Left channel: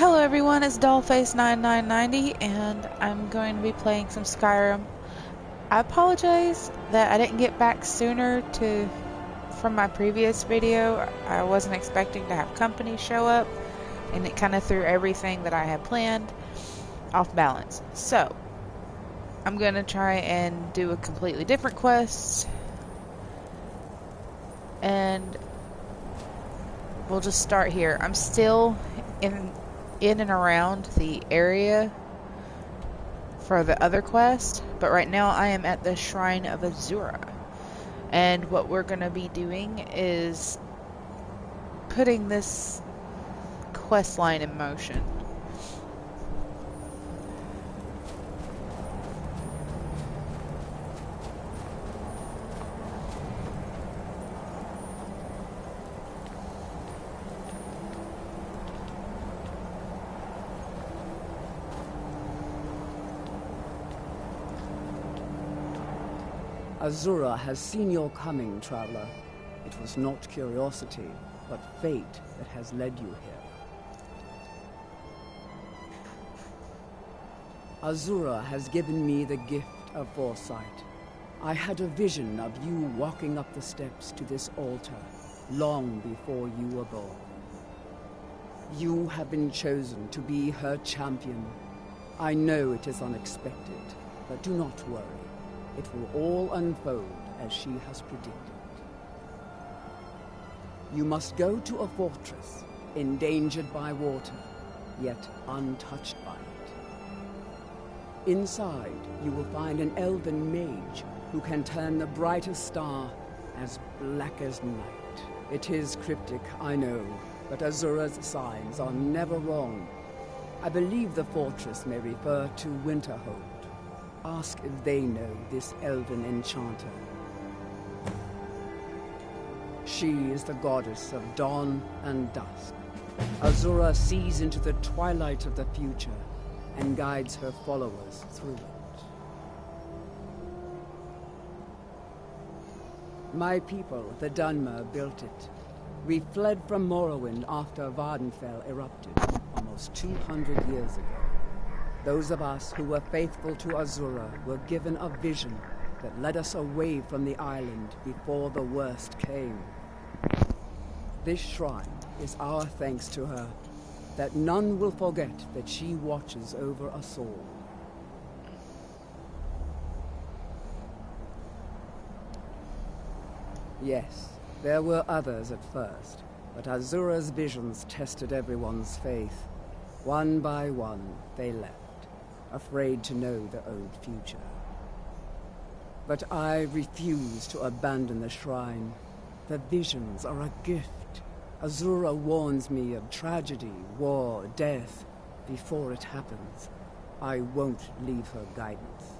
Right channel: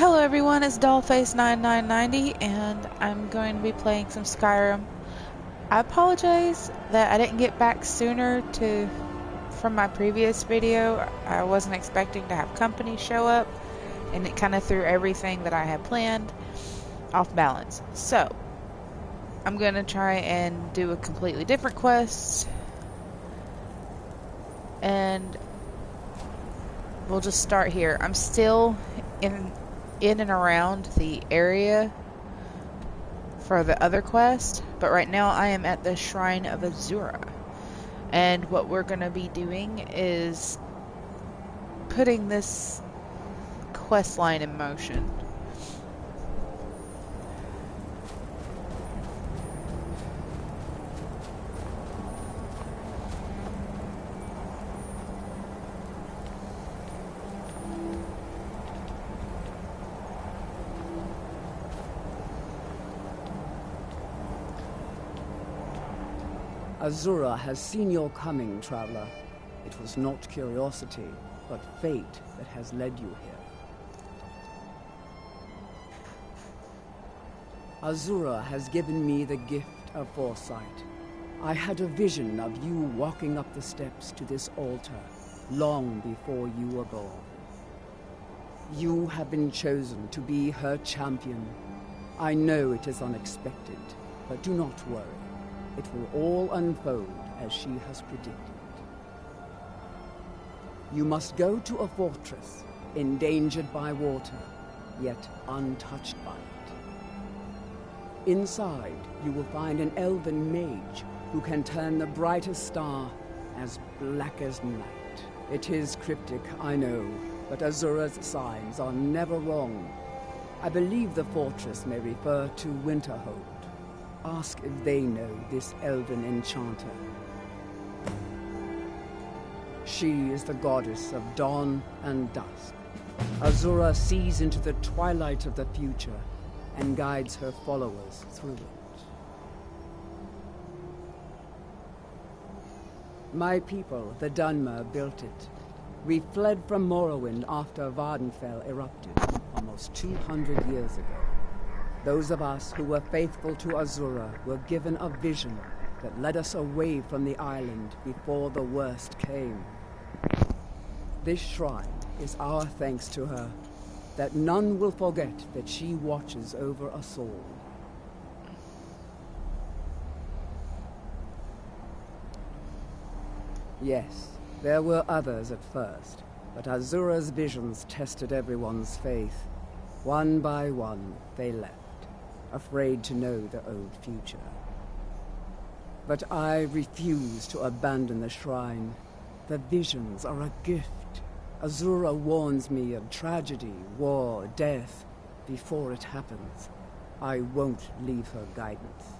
Hello everyone, it's DollFace9990 and I'm going to be playing some Skyrim. I apologize that I didn't get back sooner from my previous video. I wasn't expecting to have company show up and it kind of threw everything that I had planned off balance. So, I'm going to try and do a completely different quest and we'll just start here. I'm still in and around the area for the other quest, but right now I am at the Shrine of Azura, and what we're going to be doing is putting this quest line in motion. Azura has seen your coming, traveler. It was not curiosity, but fate that has led you here. Azura has given me the gift of foresight. I had a vision of you walking up the steps to this altar long before you were born. You have been chosen to be her champion. I know it is unexpected, but do not worry. It will all unfold as she has predicted. You must go to a fortress, endangered by water, yet untouched by it. Inside, you will find an elven mage who can turn the brightest star as black as night. It is cryptic, I know, but Azura's signs are never wrong. I believe the fortress may refer to Winterhold. Ask if they know this elven enchanter. She is the goddess of dawn and dusk. Azura sees into the twilight of the future and guides her followers through it. My people, the Dunmer, built it. We fled from Morrowind after Vardenfell erupted almost 200 years ago. Those of us who were faithful to Azura were given a vision that led us away from the island before the worst came. This shrine is our thanks to her, that none will forget that she watches over us all. Yes, there were others at first, but Azura's visions tested everyone's faith. One by one, they left, afraid to know the old future. But I refuse to abandon the shrine. The visions are a gift. Azura warns me of tragedy, war, death, before it happens. I won't leave her guidance.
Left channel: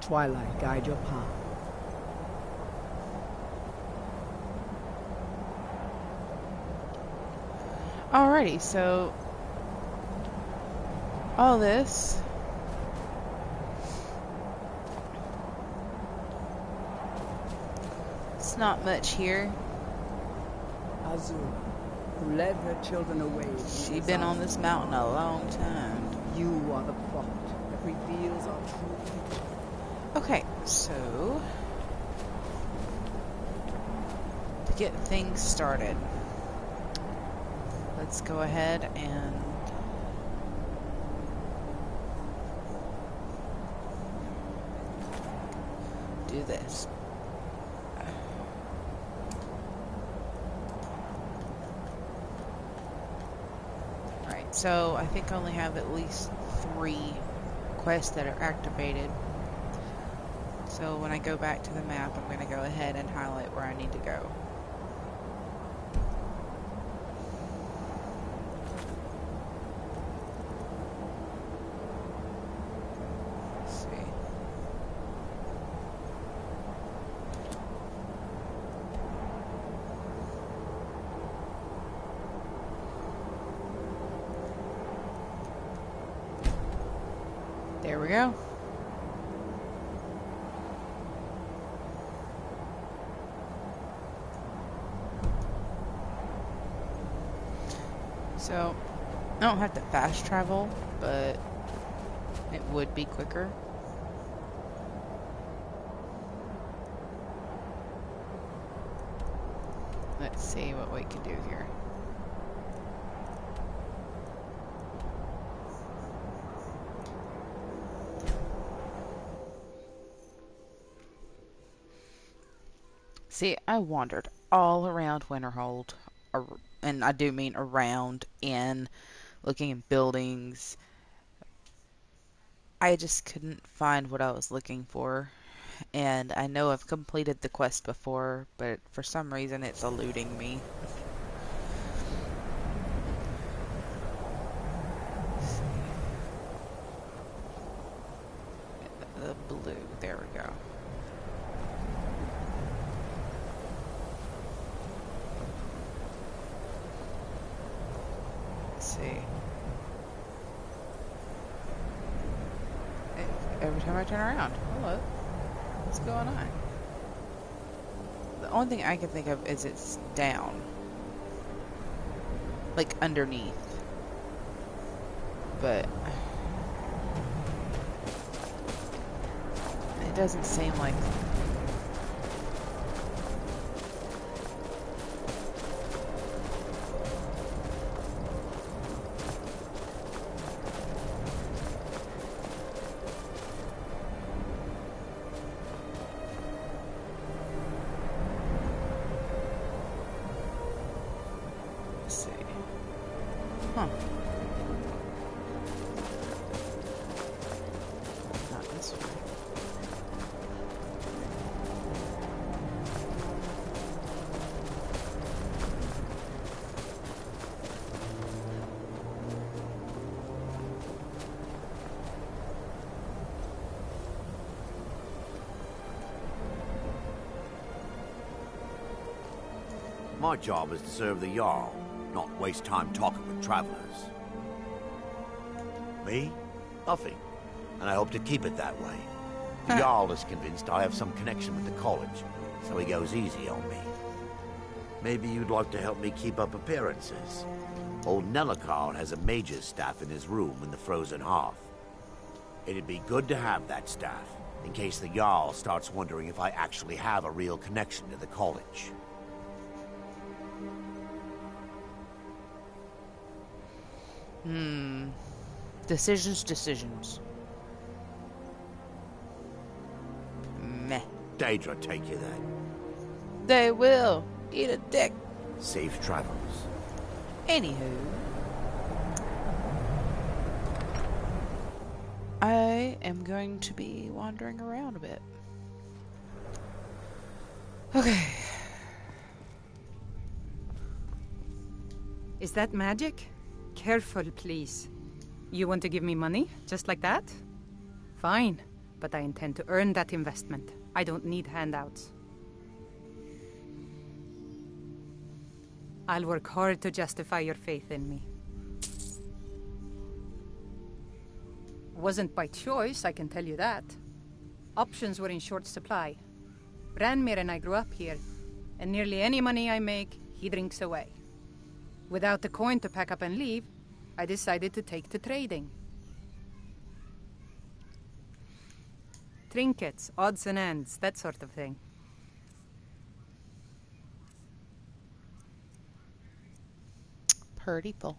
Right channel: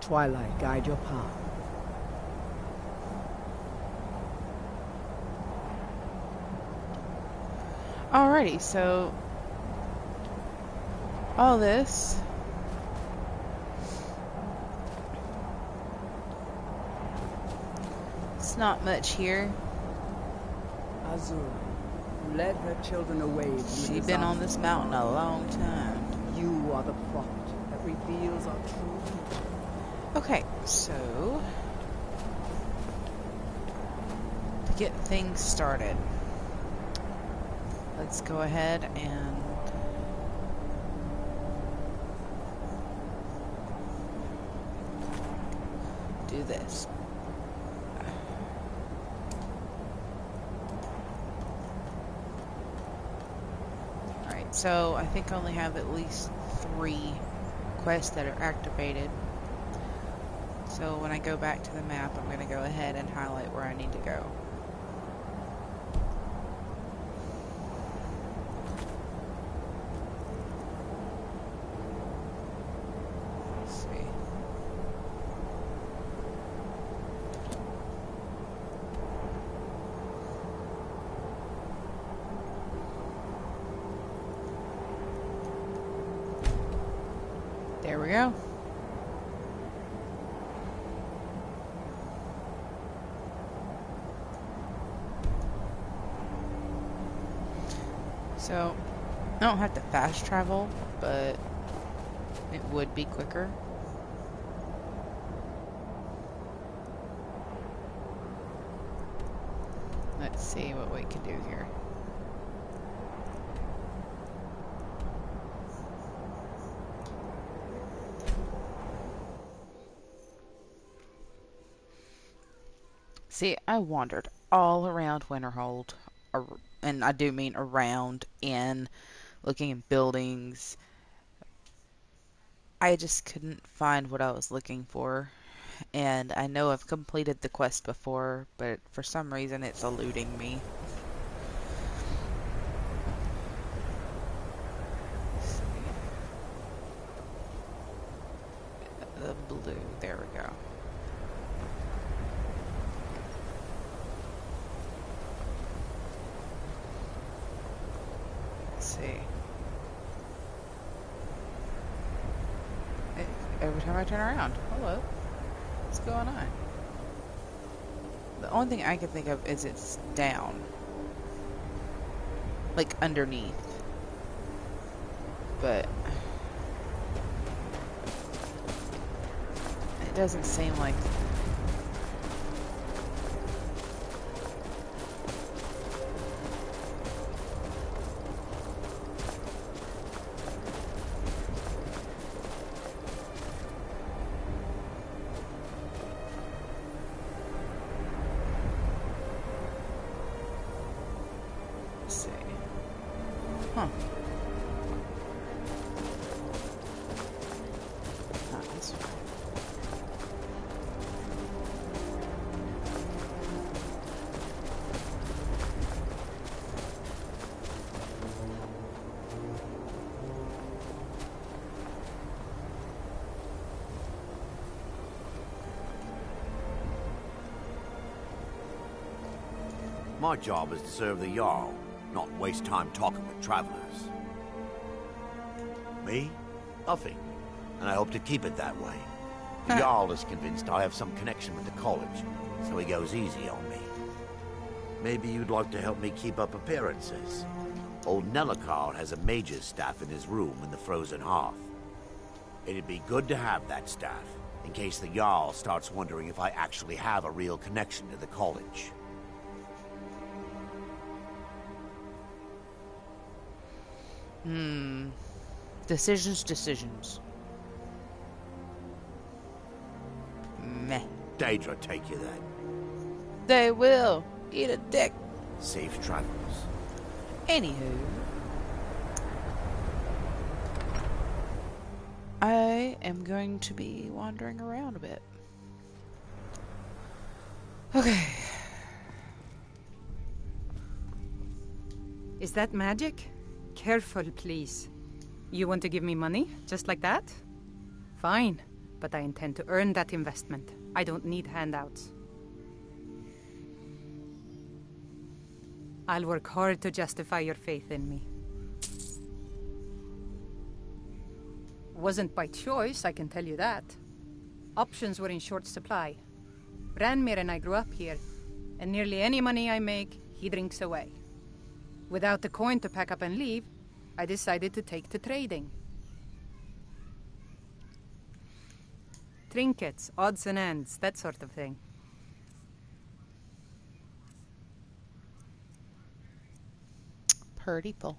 Twilight, guide your path. Alrighty, so all this it's not much here. Azura, who led her children away from She's been on this mountain a long time. You are the prophet that reveals our true future. Okay, so to get things started, let's go ahead and do this. Alright, so I think I only have at least 3 quests that are activated. So when I go back to the map, I'm going to go ahead and highlight where I need to go. There we go. So, I don't have to fast travel, but it would be quicker. Let's see what we can do here. See, I wandered all around Winterhold, and I do mean around, and looking at buildings. I just couldn't find what I was looking for. And I know I've completed the quest before, but for some reason it's eluding me. Let's see. The blue, there we go. Let's see. Every time I turn around. Hello. What's going on? The only thing I can think of is it's down. Like underneath. But it doesn't seem like... Let's see. Huh. Not this way. My job is to serve the Jarl, not waste time talking with travelers. Me? Nothing. And I hope to keep it that way. The Jarl is convinced I have some connection with the college, so he goes easy on me. Maybe you'd like to help me keep up appearances. Old Nellikard has a mage's staff in his room in the frozen hearth. It'd be good to have that staff, in case the Jarl starts wondering if I actually have a real connection to the college. Decisions. Meh. Daedra take you then. They will. Eat a dick. Safe travels. Anywho. I am going to be wandering around a bit. Okay. Is that magic? Careful, please. You want to give me money, just like that? Fine, but I intend to earn that investment. I don't need handouts. I'll work hard to justify your faith in me. Wasn't by choice, I can tell you that. Options were in short supply. Ranmir and I grew up here, and nearly any money I make, he drinks away. Without the coin to pack up and leave, I decided to take to trading. Trinkets, odds and ends, that sort of thing. Purdy full.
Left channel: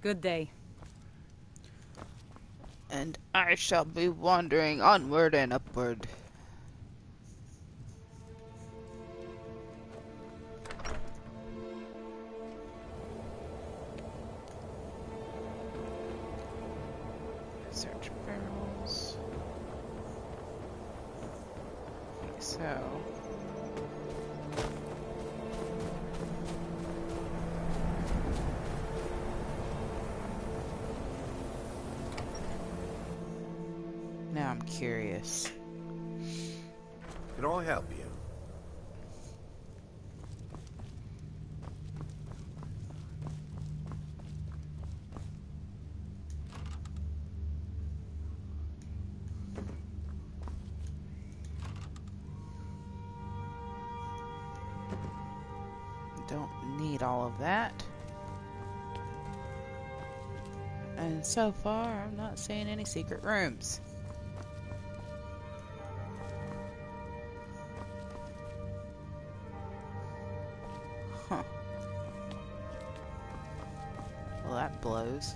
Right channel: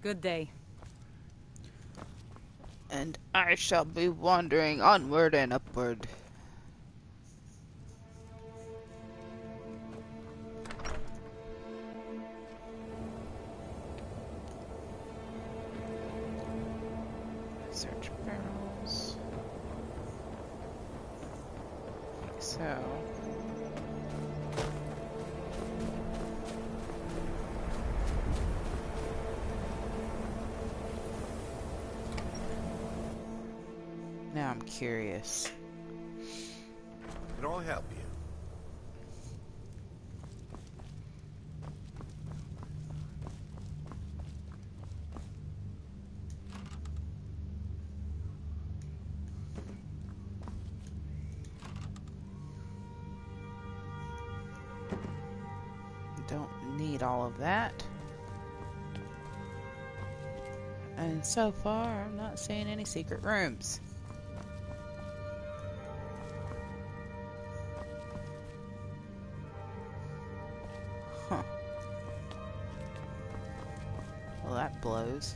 Good day. And I shall be wandering onward and upward. Search barrels. Like so. Now I'm curious. Can I help you? Don't need all of that. And so far, I'm not seeing any secret rooms. Huh. Well, that blows.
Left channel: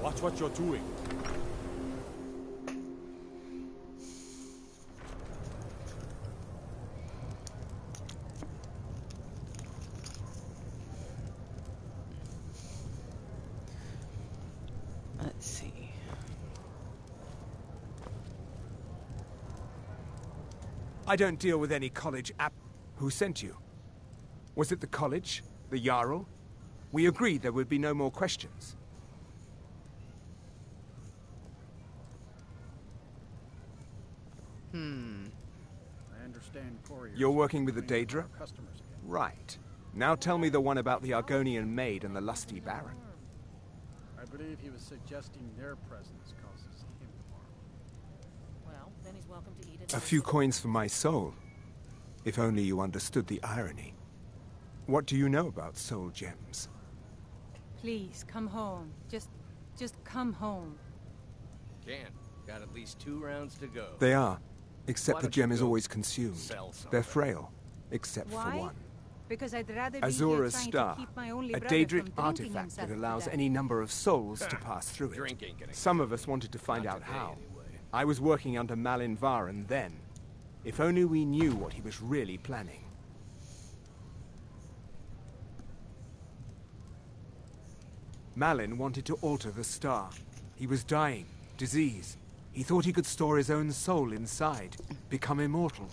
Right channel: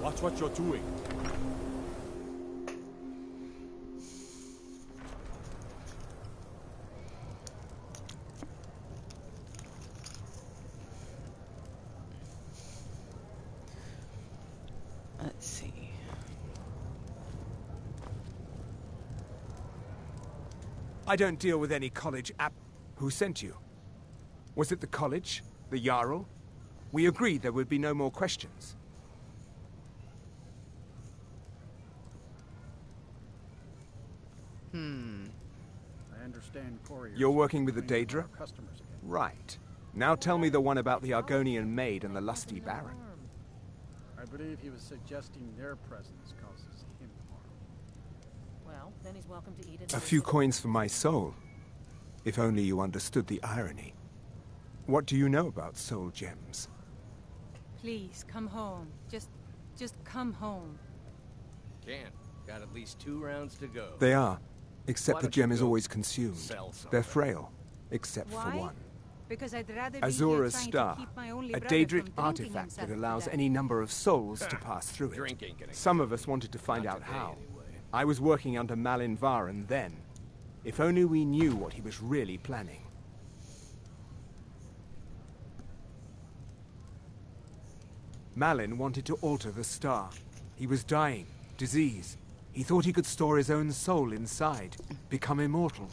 Watch what you're doing. Let's see. I don't deal with any college app. Who sent you? Was it the college? The Jarl? We agreed there would be no more questions. I understand couriers. You're working with the Daedra? Customers again. Right. Now tell me the one about the Argonian maid and the lusty baron. I believe he was suggesting their presence causes him harm. Well, then he's welcome to eat it. A few coins for my soul. If only you understood the irony. What do you know about soul gems? Please, come home. Just come home. Can't. Got at least 2 rounds to go. They are. Except Why the don't you gem is go always consumed. sell some They're of it? frail. Except Why? for one. Because I'd rather be here Azora's trying star. to keep my only A brother Daedric from drinking artifact himself that to allows death. any number of souls to pass through it. Drinking can Some of us wanted to find Not out today, how. anyway. I was working under Malin Varen then. If only we knew what he was really planning. Malin wanted to alter the star. He was dying, disease. He thought he could store his own soul inside, become immortal.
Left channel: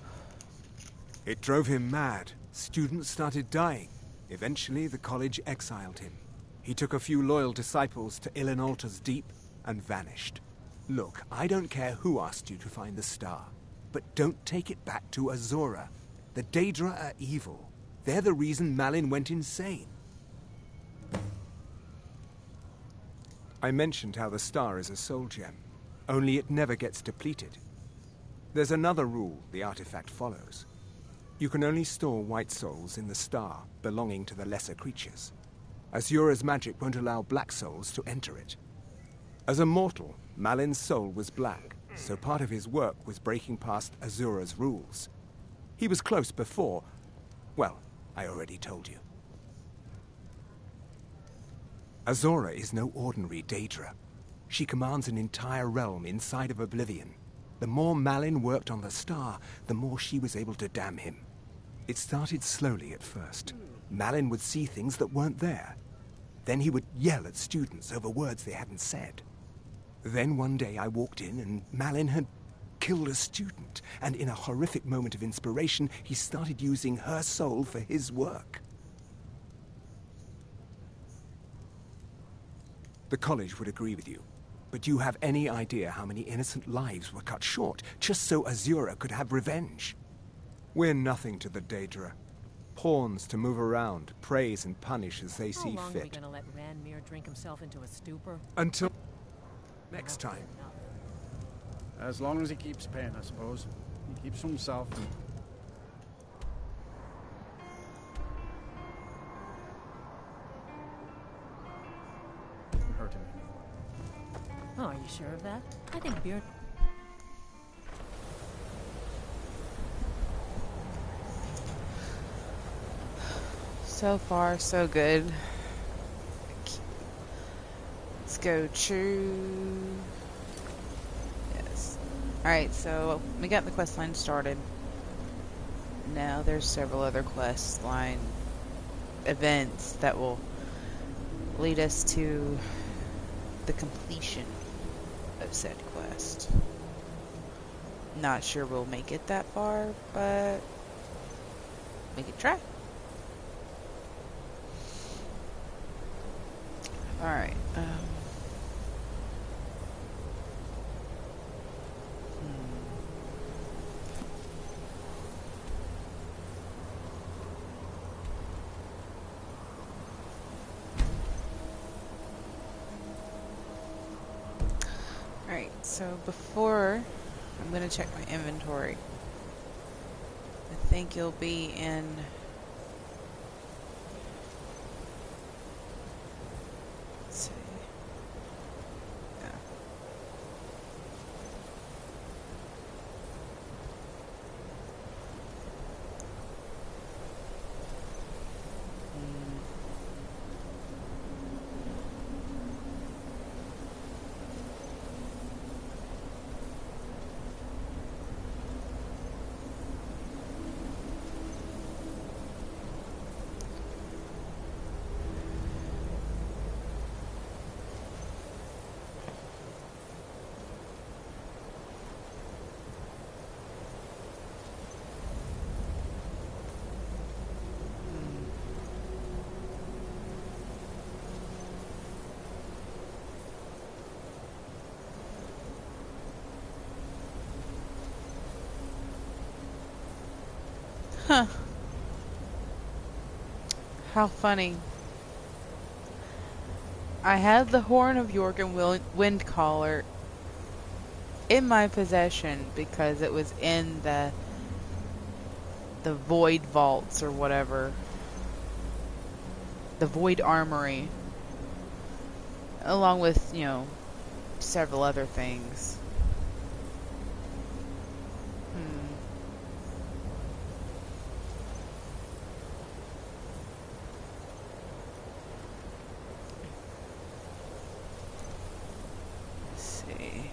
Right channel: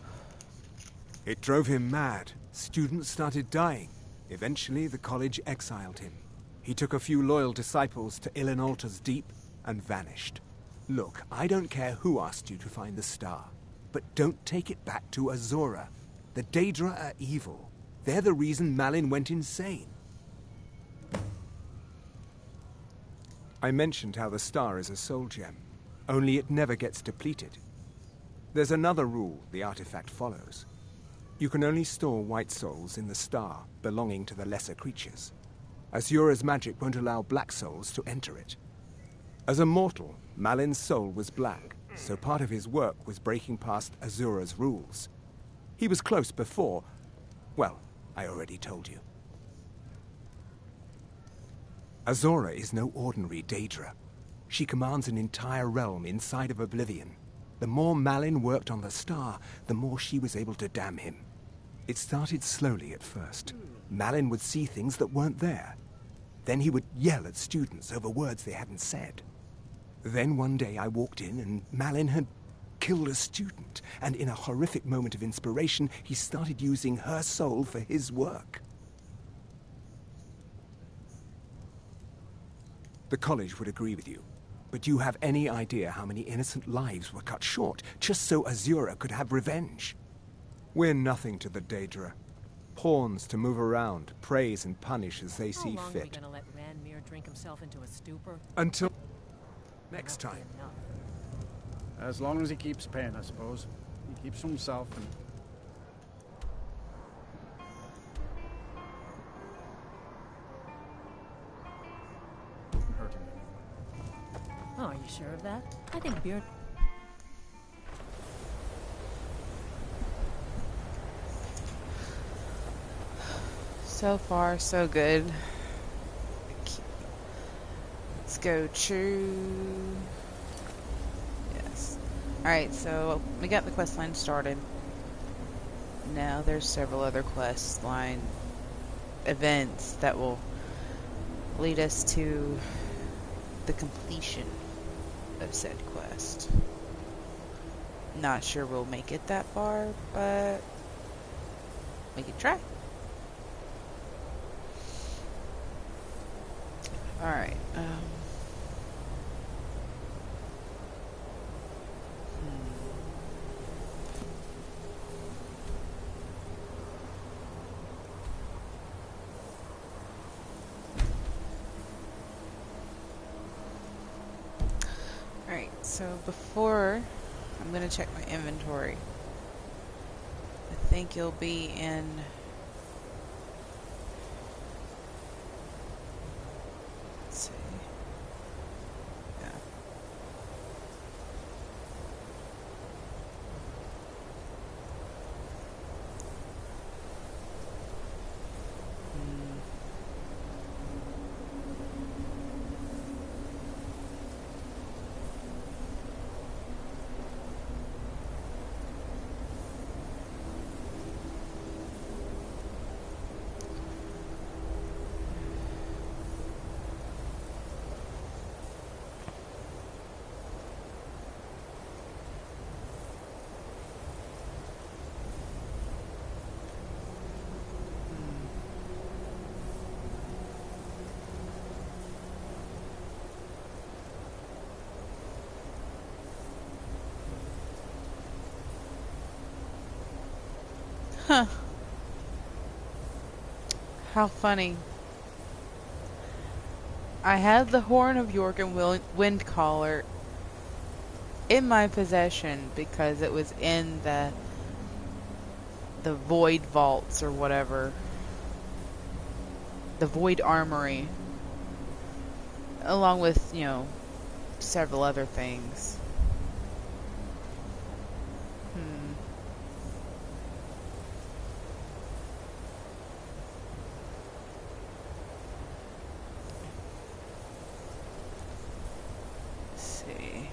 It drove him mad. Students started dying. Eventually, the college exiled him. He took a few loyal disciples to Illinalta's Deep and vanished. Look, I don't care who asked you to find the star, but don't take it back to Azora. The Daedra are evil. They're the reason Malin went insane. I mentioned how the star is a soul gem, only it never gets depleted. There's another rule the artifact follows. You can only store white souls in the star belonging to the lesser creatures. Azura's magic won't allow black souls to enter it. As a mortal, Malin's soul was black, so part of his work was breaking past Azura's rules. He was close before. Well, I already told you. Azora is no ordinary Daedra. She commands an entire realm inside of Oblivion. The more Malin worked on the star, the more she was able to damn him. It started slowly at first. Malin would see things that weren't there. Then he would yell at students over words they hadn't said. Then one day I walked in and Malin had killed a student, and in a horrific moment of inspiration, he started using her soul for his work. The college would agree with you, but do you have any idea how many innocent lives were cut short just so Azura could have revenge? We're nothing to the Daedra. Pawns to move around, praise and punish as they see How long are we fit. gonna let Ranmir drink himself into a stupor? Until next time. Enough. As long as he keeps paying, I suppose. He keeps to himself and... Doesn't hurt him anymore. Oh, are you sure of that? I think beer... So far, so good. Let's go true. Yes. Alright, so we got the quest line started. Now there's several other quest line events that will lead us to the completion of said quest. Not sure we'll make it that far, but we can try. Alright, So before, I'm going to check my inventory. I think you'll be in... Let's see. Yeah. Huh. How funny. I had the Horn of York and Wind Caller in my possession because it was in the Void Vaults or whatever. The Void Armory. Along with, you know, several other things. Let's see.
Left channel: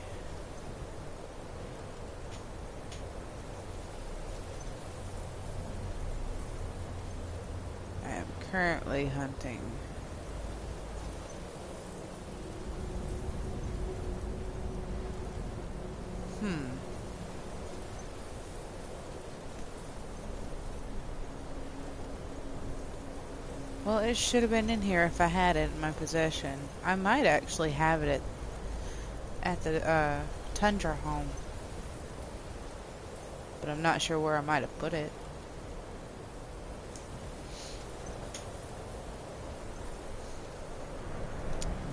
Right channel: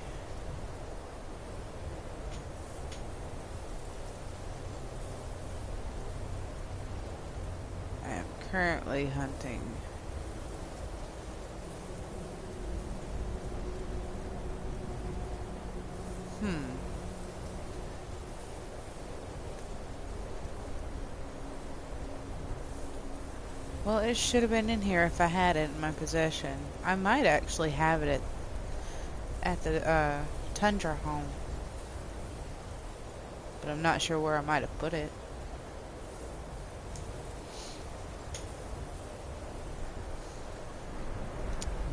I am currently hunting. Well, it should have been in here if I had it in my possession. I might actually have it at the Tundra home. But I'm not sure where I might have put it.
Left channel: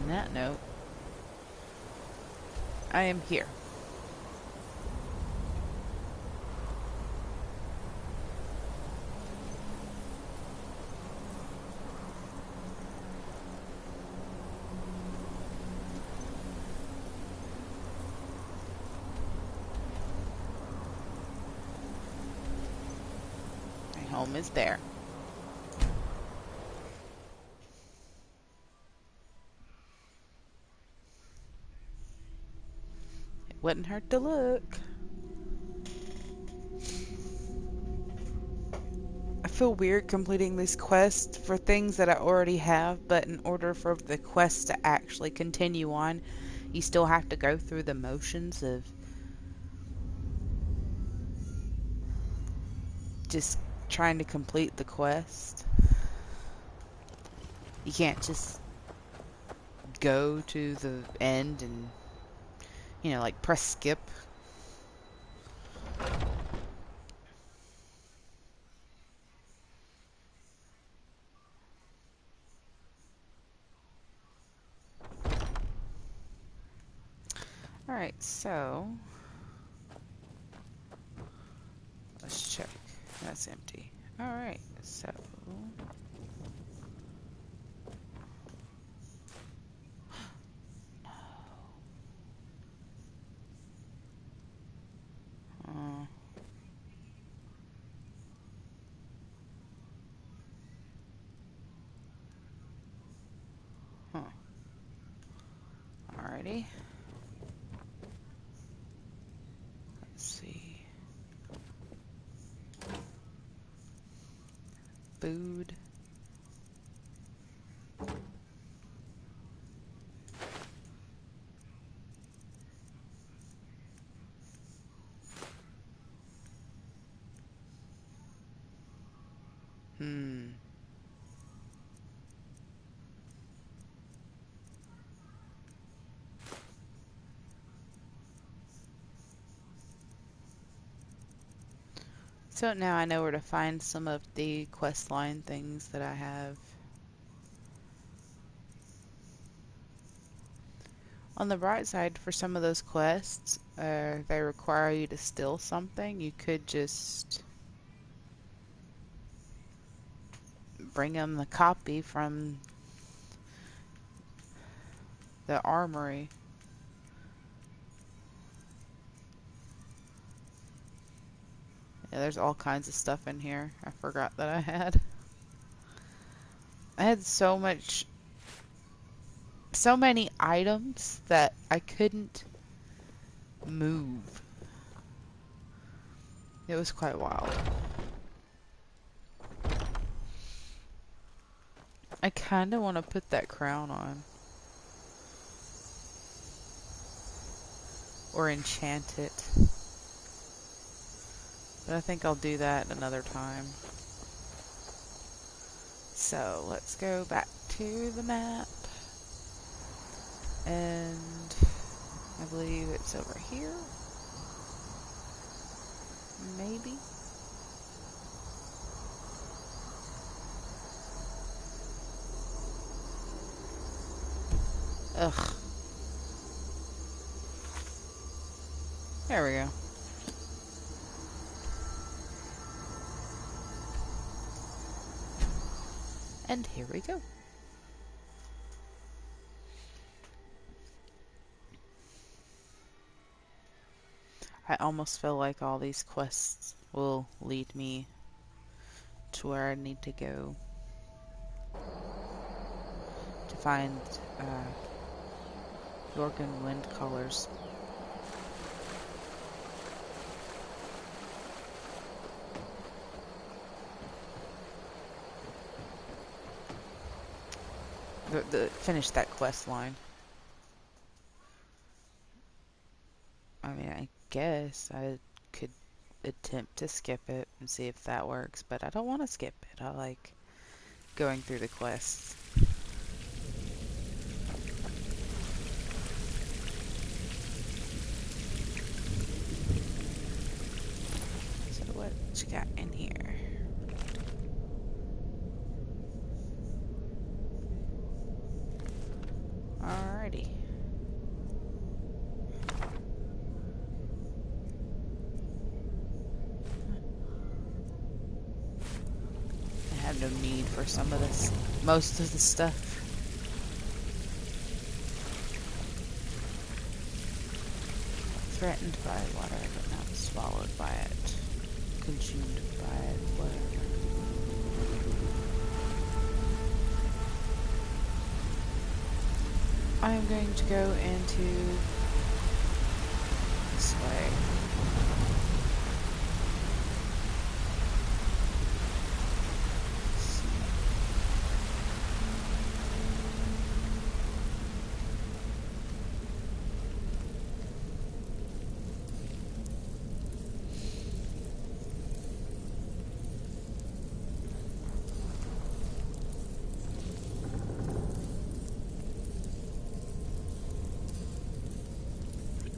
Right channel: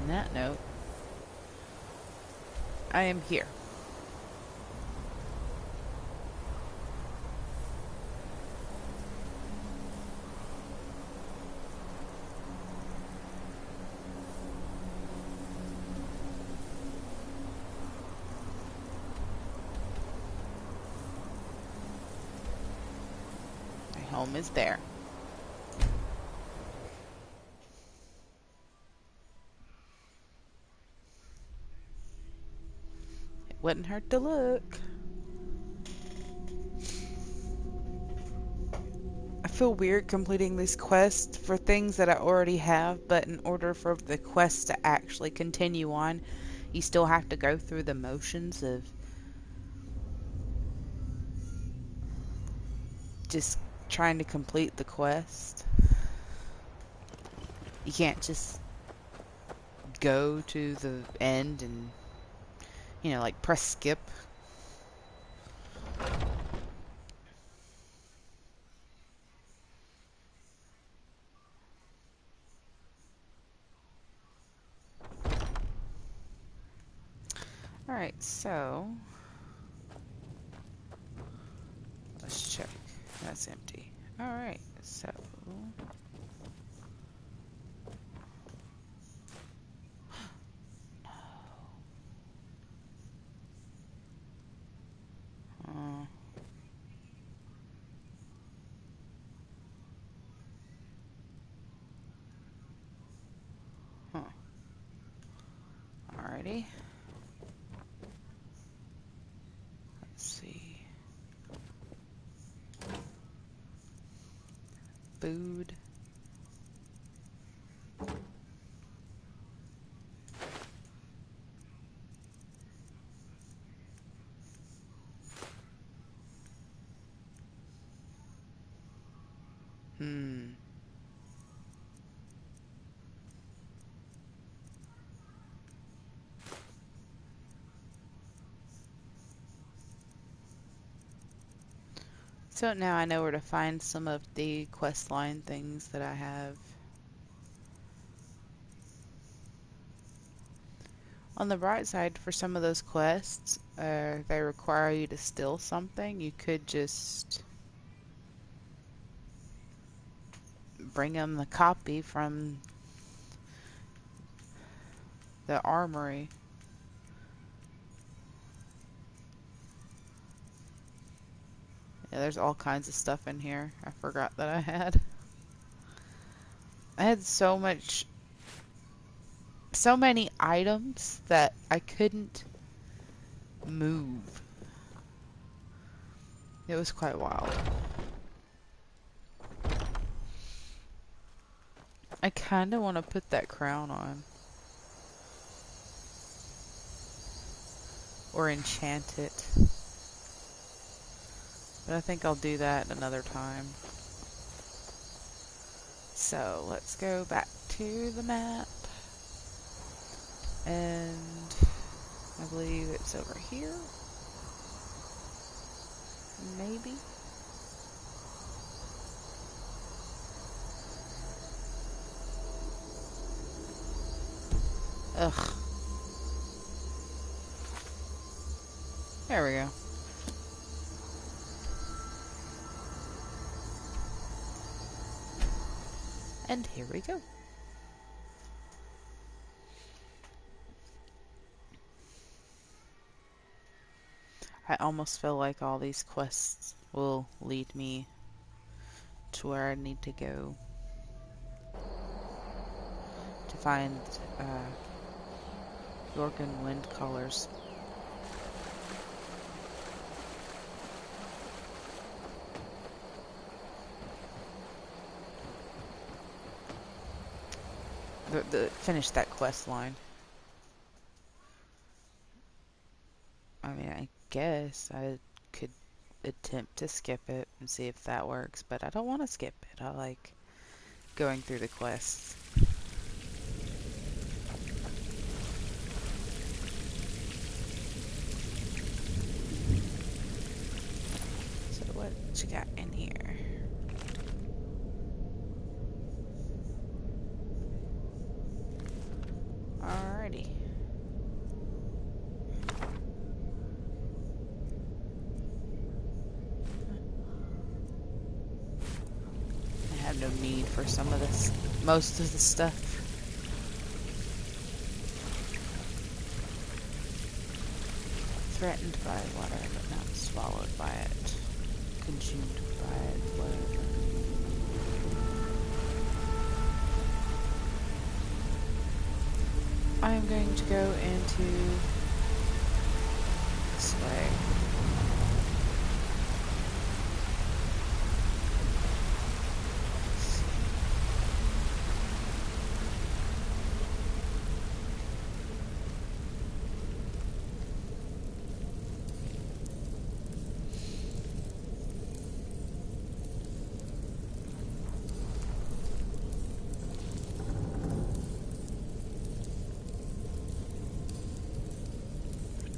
On that note, I am here. My home is there. Wouldn't hurt to look. I feel weird completing these quests for things that I already have, but in order for the quest to actually continue on, you still have to go through the motions of just trying to complete the quest. You can't just go to the end and, you know, like press skip. Alright, so let's check. That's empty. Alright, so alrighty. Let's see. Food. So now I know where to find some of the questline things that I have. On the bright side, for some of those quests, they require you to steal something. You could just bring them the copy from the armory. Yeah, there's all kinds of stuff in here I forgot that I had. I had so many items that I couldn't move. It was quite wild. I kind of want to put that crown on. Or enchant it. But I think I'll do that another time. So, let's go back to the map. And I believe it's over here. Maybe. Ugh. There we go. And here we go. I almost feel like all these quests will lead me to where I need to go to find Jorgen wind colors. Finish that quest line. I mean, I guess I could attempt to skip it and see if that works, but I don't want to skip it. I like going through the quests. So what you got in here? Alrighty. I have no need for some of this, most of the stuff. Threatened by water, but not swallowed by it. Consumed by it, whatever. I am going to go into this way.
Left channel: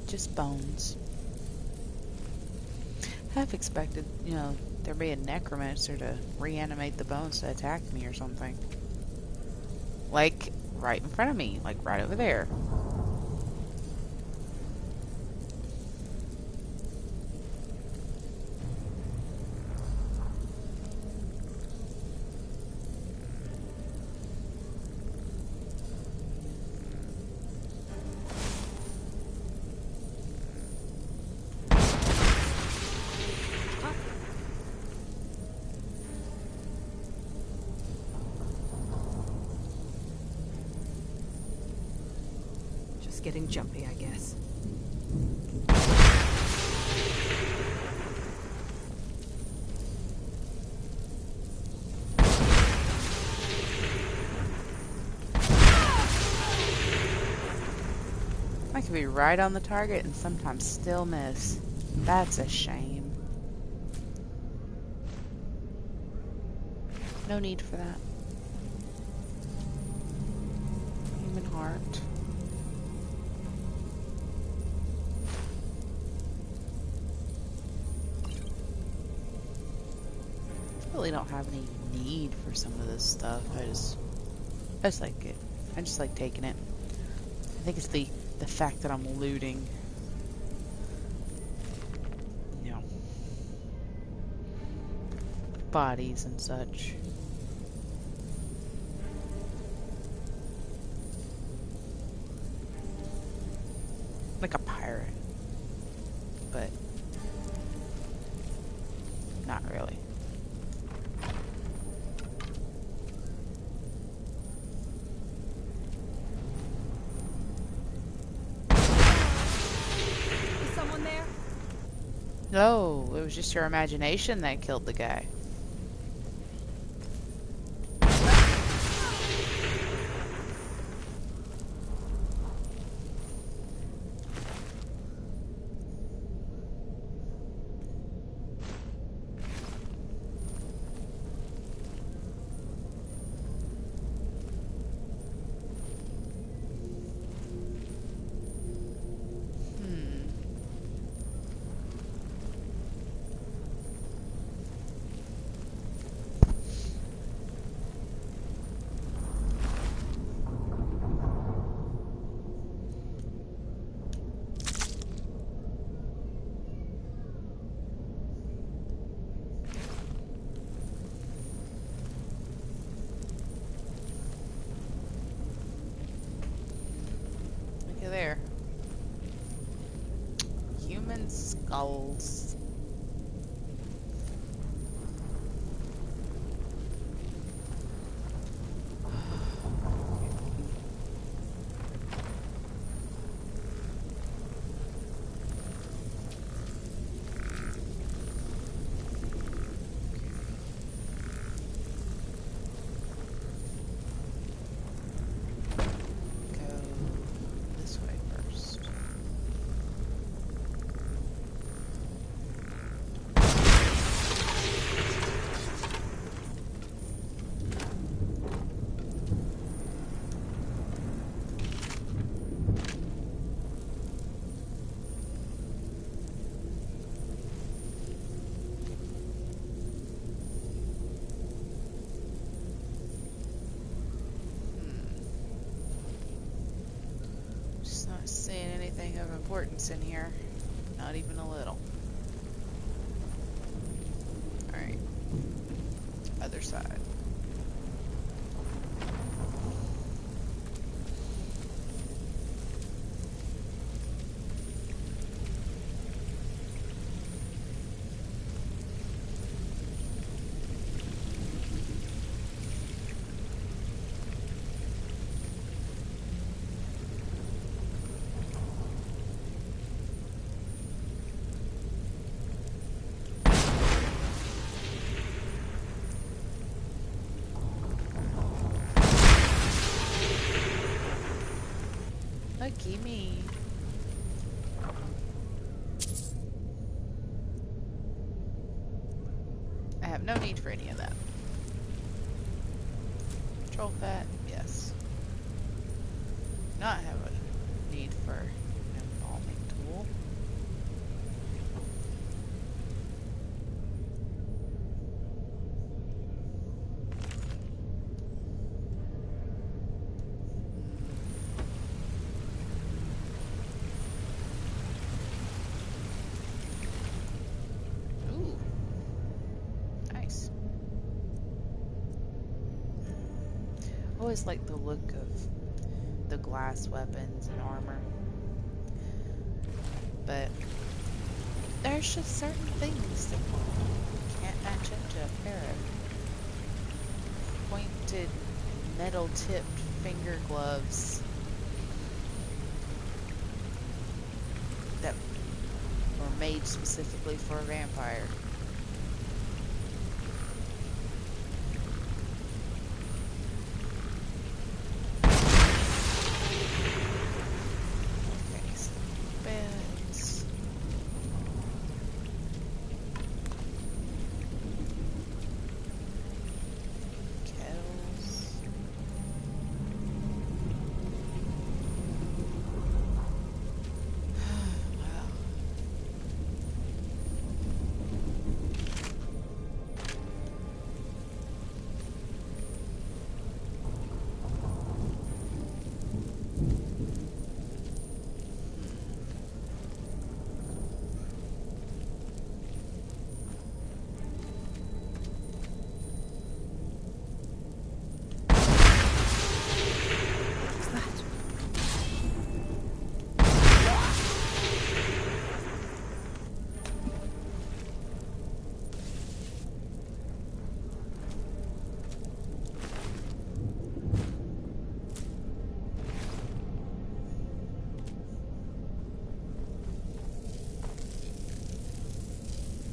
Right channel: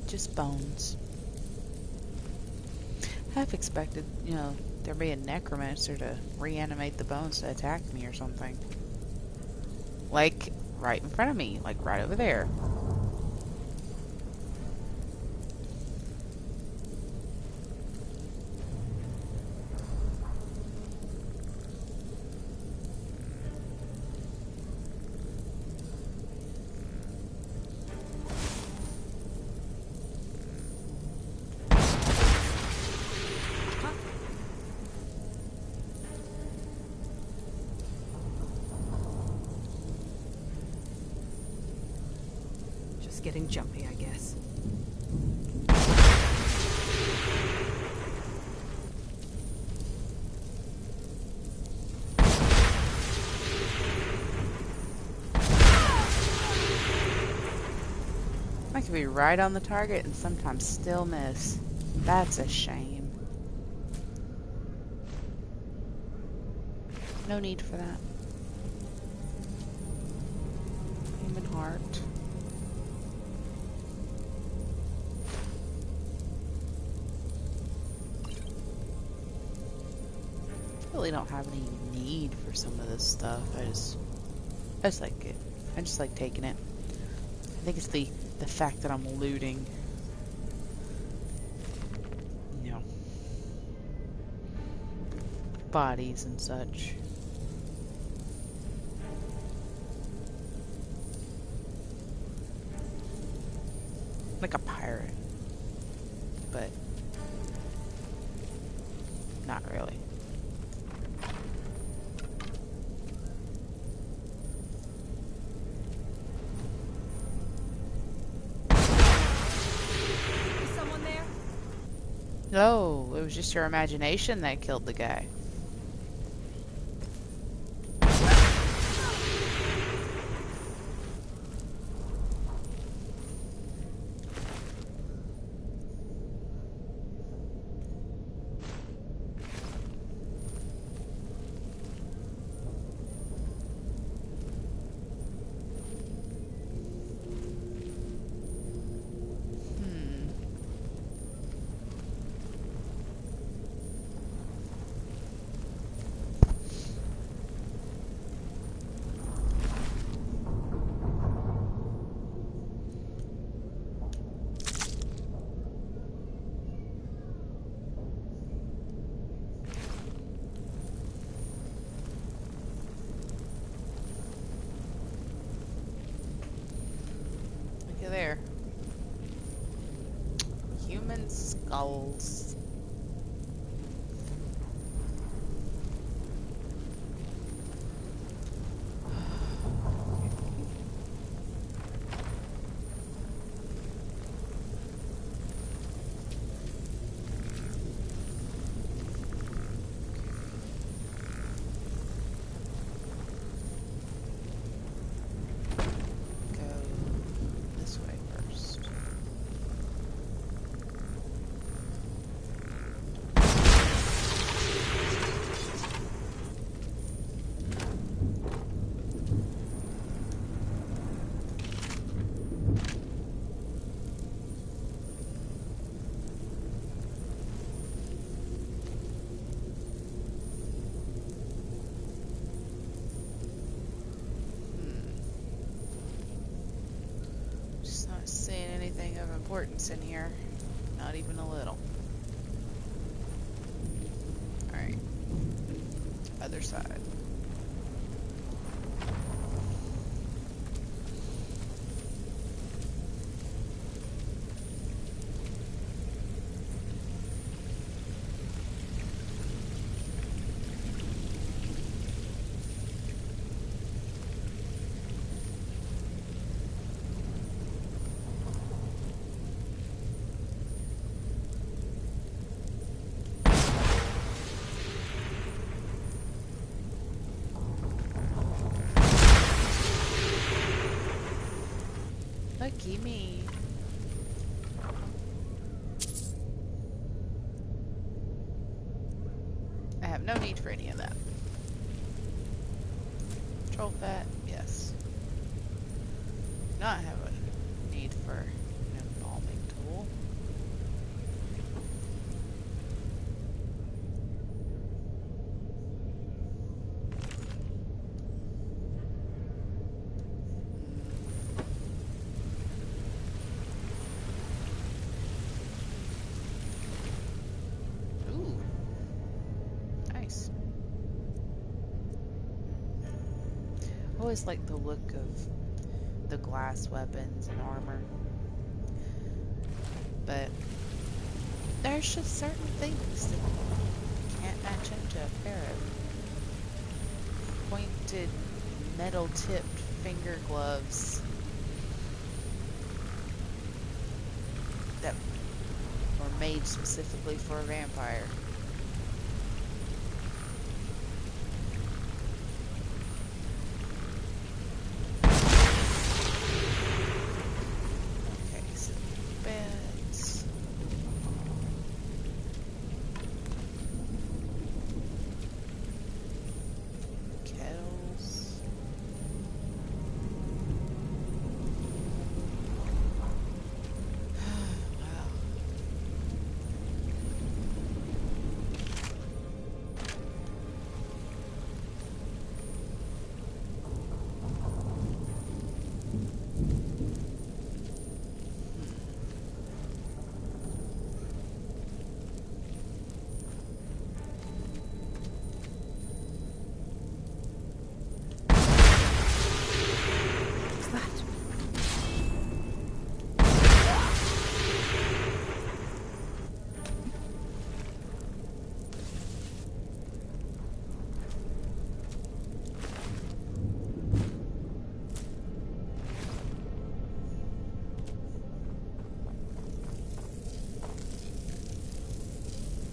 Just bones. Half expected, you know, there'd be a necromancer to reanimate the bones to attack me or something. Like, right in front of me. Like, right over there. Getting jumpy, I guess. I could be right on the target and sometimes still miss. That's a shame. No need for that. Human heart. Really don't have any need for some of this stuff. I just like it. I just like taking it. I think it's the the fact that I'm looting, you know, bodies and such. Like a pirate, but not really. Is someone there? No, it was just your imagination that killed the guy. Look at there. Human skulls. Go this way first. Just not seeing anything of importance in here. Not even a little. Alright. Other side. Lucky me. I have no need for any of that. Control fat, yes. Not have a need for an embalming tool. Ooh. Nice. I always like the look of the glass weapons and armor. But there's just certain things that can't match up to a pair of pointed metal tipped finger gloves that were made specifically for a vampire. Okay, so beds. Kettles. Wow.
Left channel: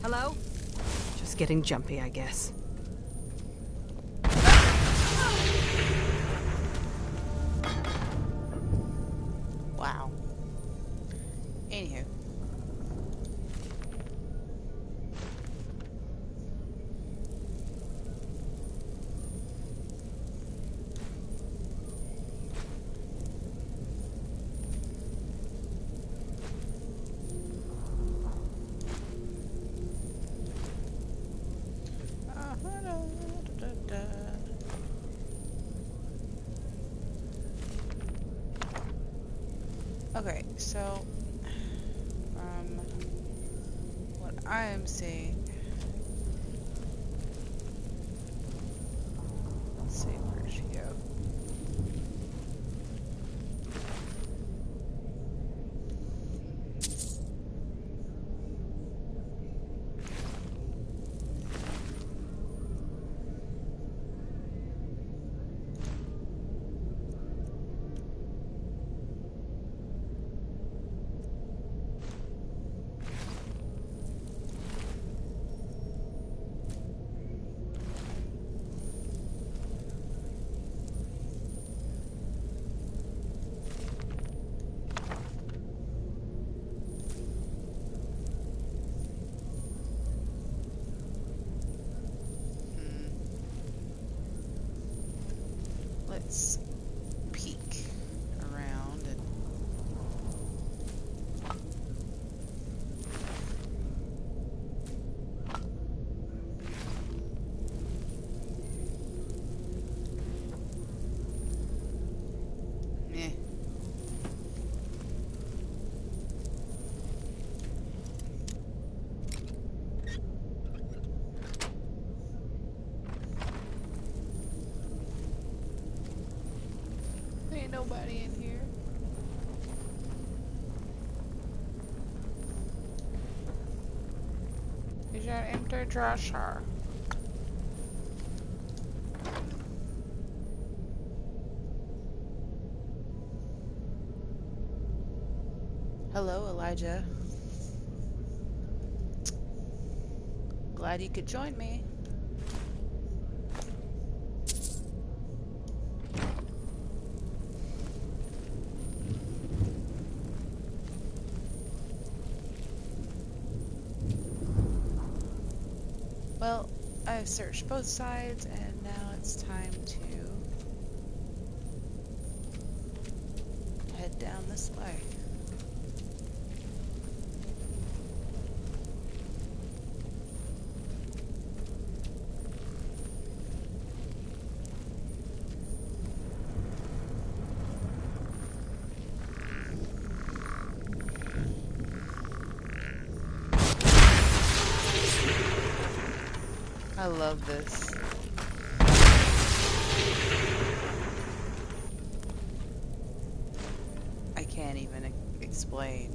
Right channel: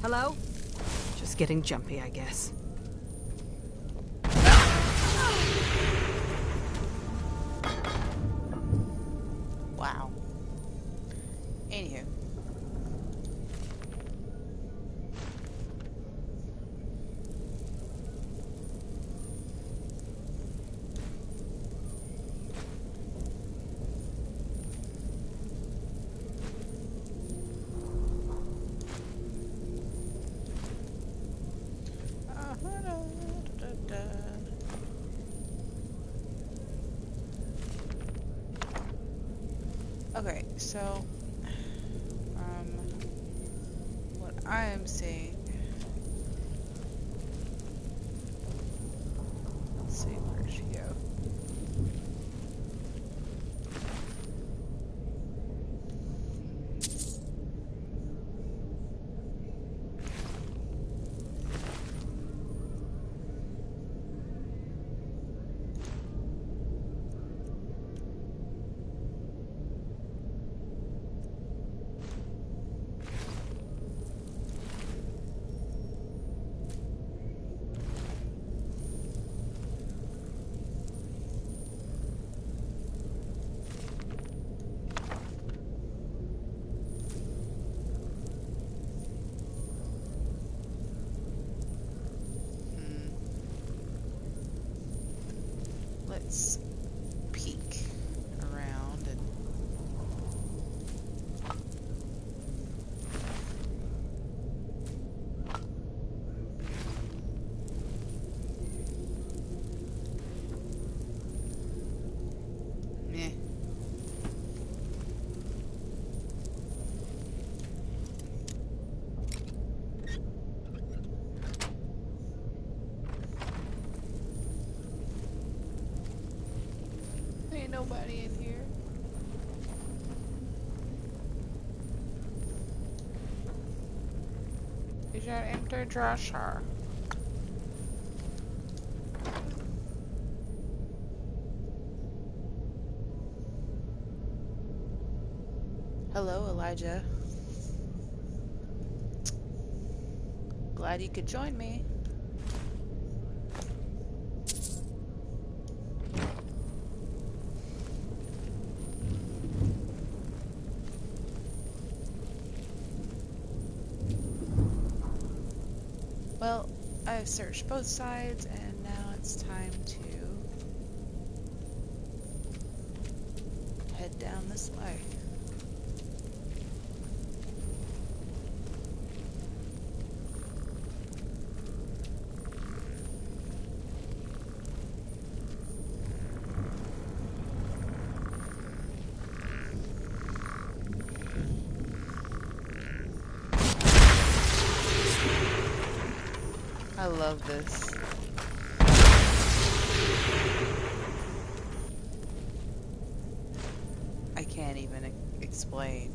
Hello? Just getting jumpy, I guess. Wow. Anywho. Okay, so what I am seeing, let's see, where did she go? Let's peek around and meh. Ain't nobody in here. Is that empty dresser? Hello, Elijah. Glad you could join me. Well, I've searched both sides, and now it's time to head down this way. I love this. I can't even explain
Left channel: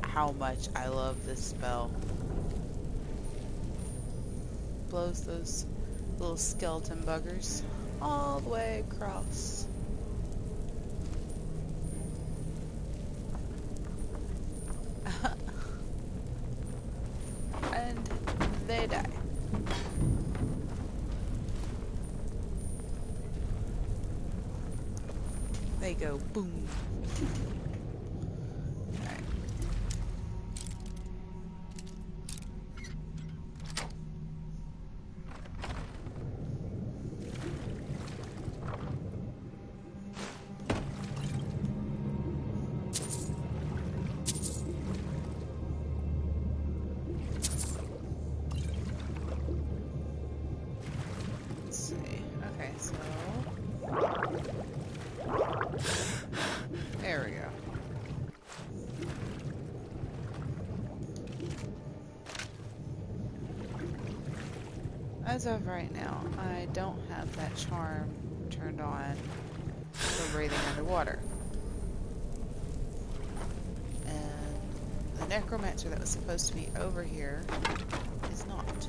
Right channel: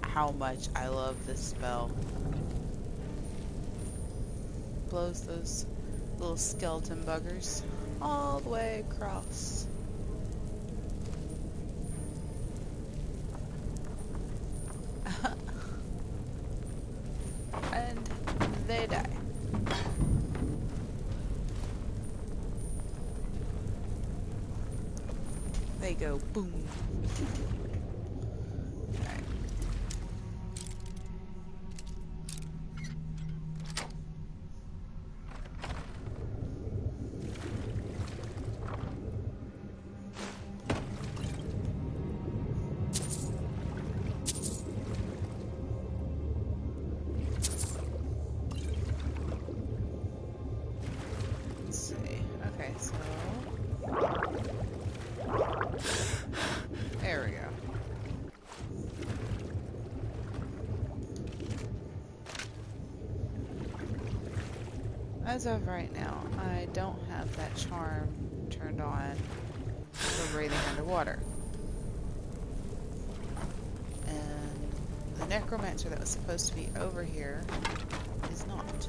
how much I love this spell. Blows those little skeleton buggers all the way across. And they die. They go boom. Okay. Let's see. Okay, so there we go. As of right now, I don't have that charm turned on for breathing underwater. And the necromancer that was supposed to be over here is not.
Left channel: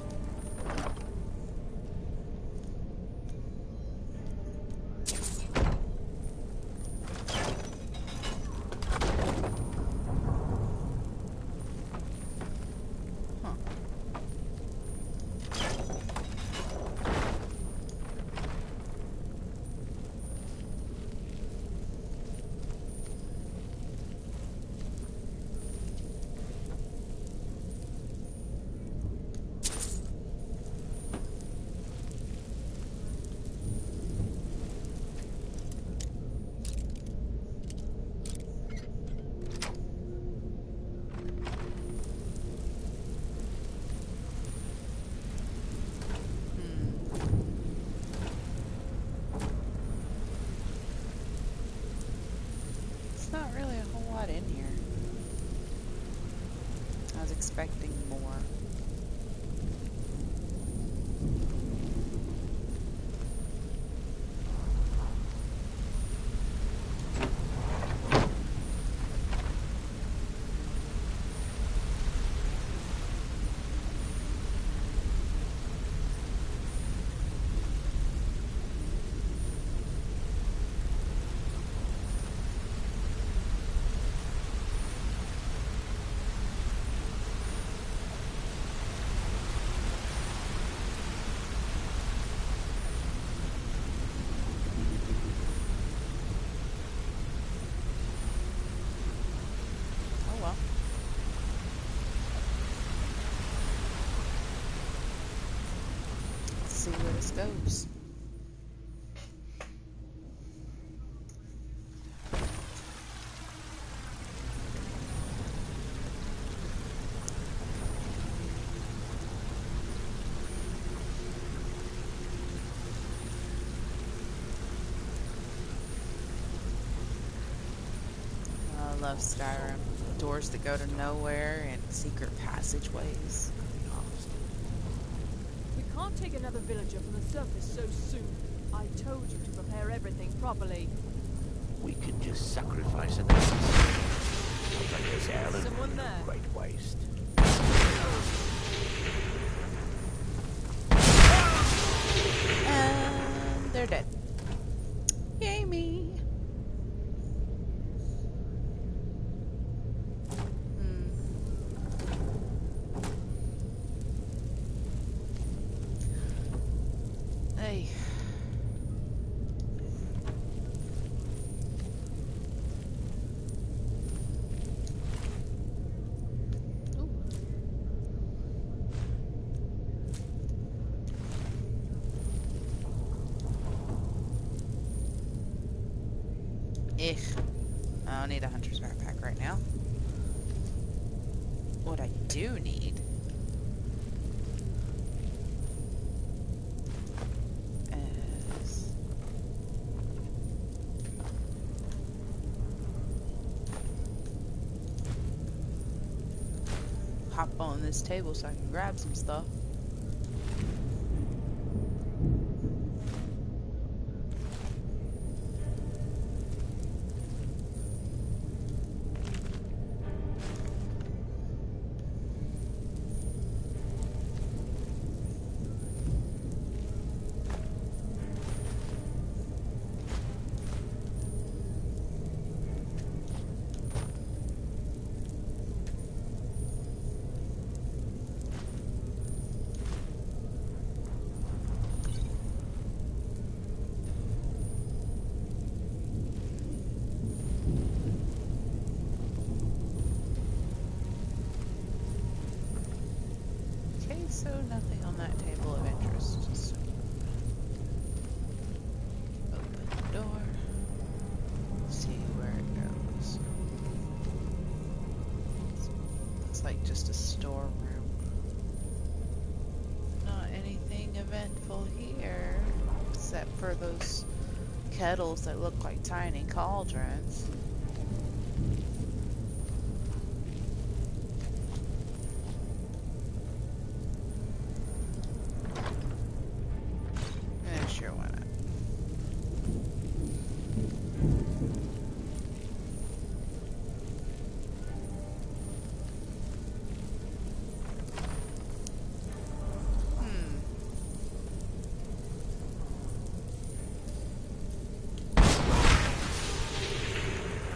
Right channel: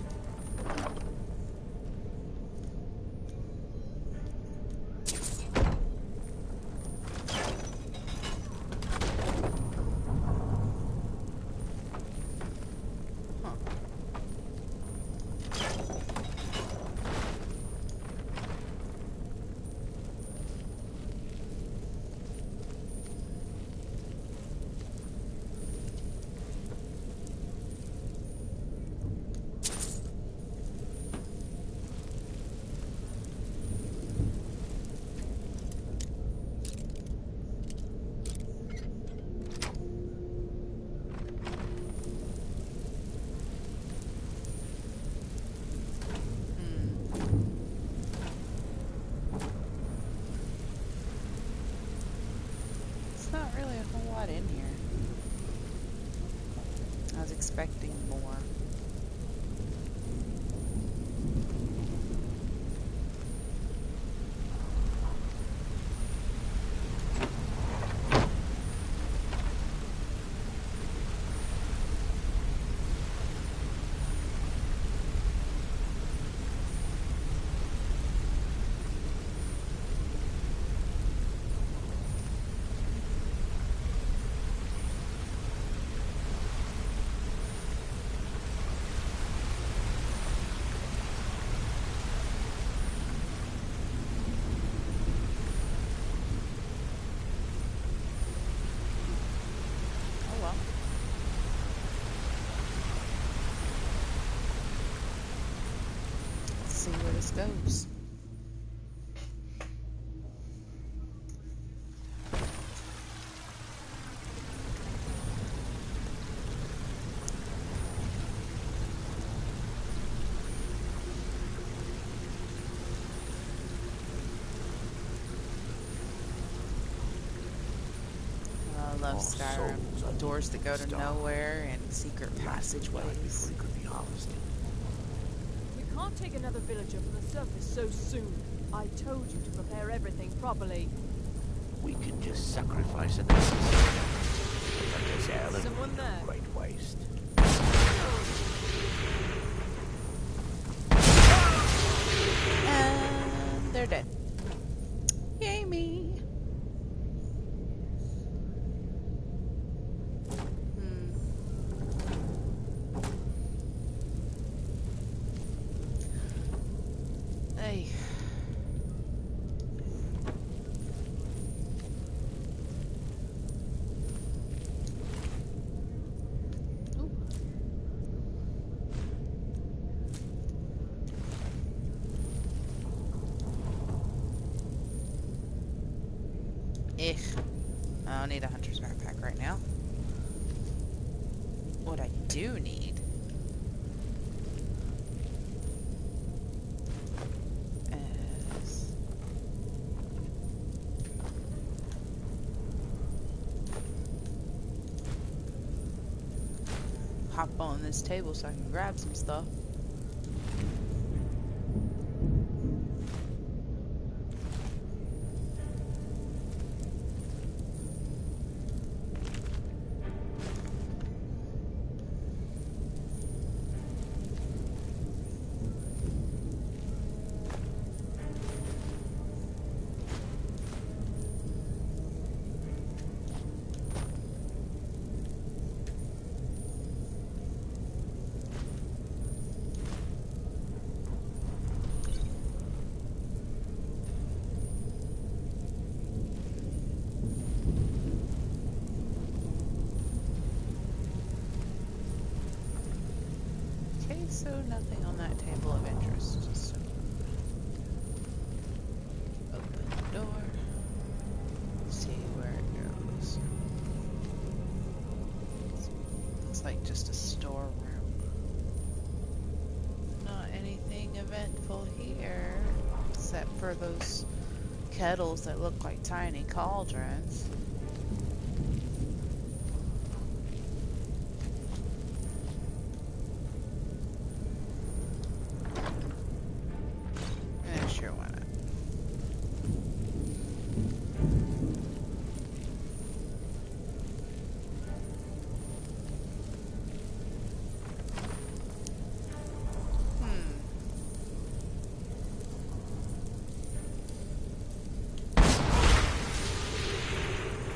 was expecting more. Oh well. Let's see where this goes. I love Skyrim. Doors that go to nowhere and secret passageways. Could be harvested. We can't take another villager from the surface so soon. I told you to prepare everything properly. We could just sacrifice an assassin. I'll take us out and Someone there. great waste. And they're dead. Yay me. Hey. Ooh. I don't need a hunter's backpack right now. What I do need is hop on this table so I can grab some stuff. Okay, so nothing on that table of interest. So open the door. See where it goes. It's like just a storeroom. Not anything eventful here, except for those kettles that look like tiny cauldrons. Sure, why not?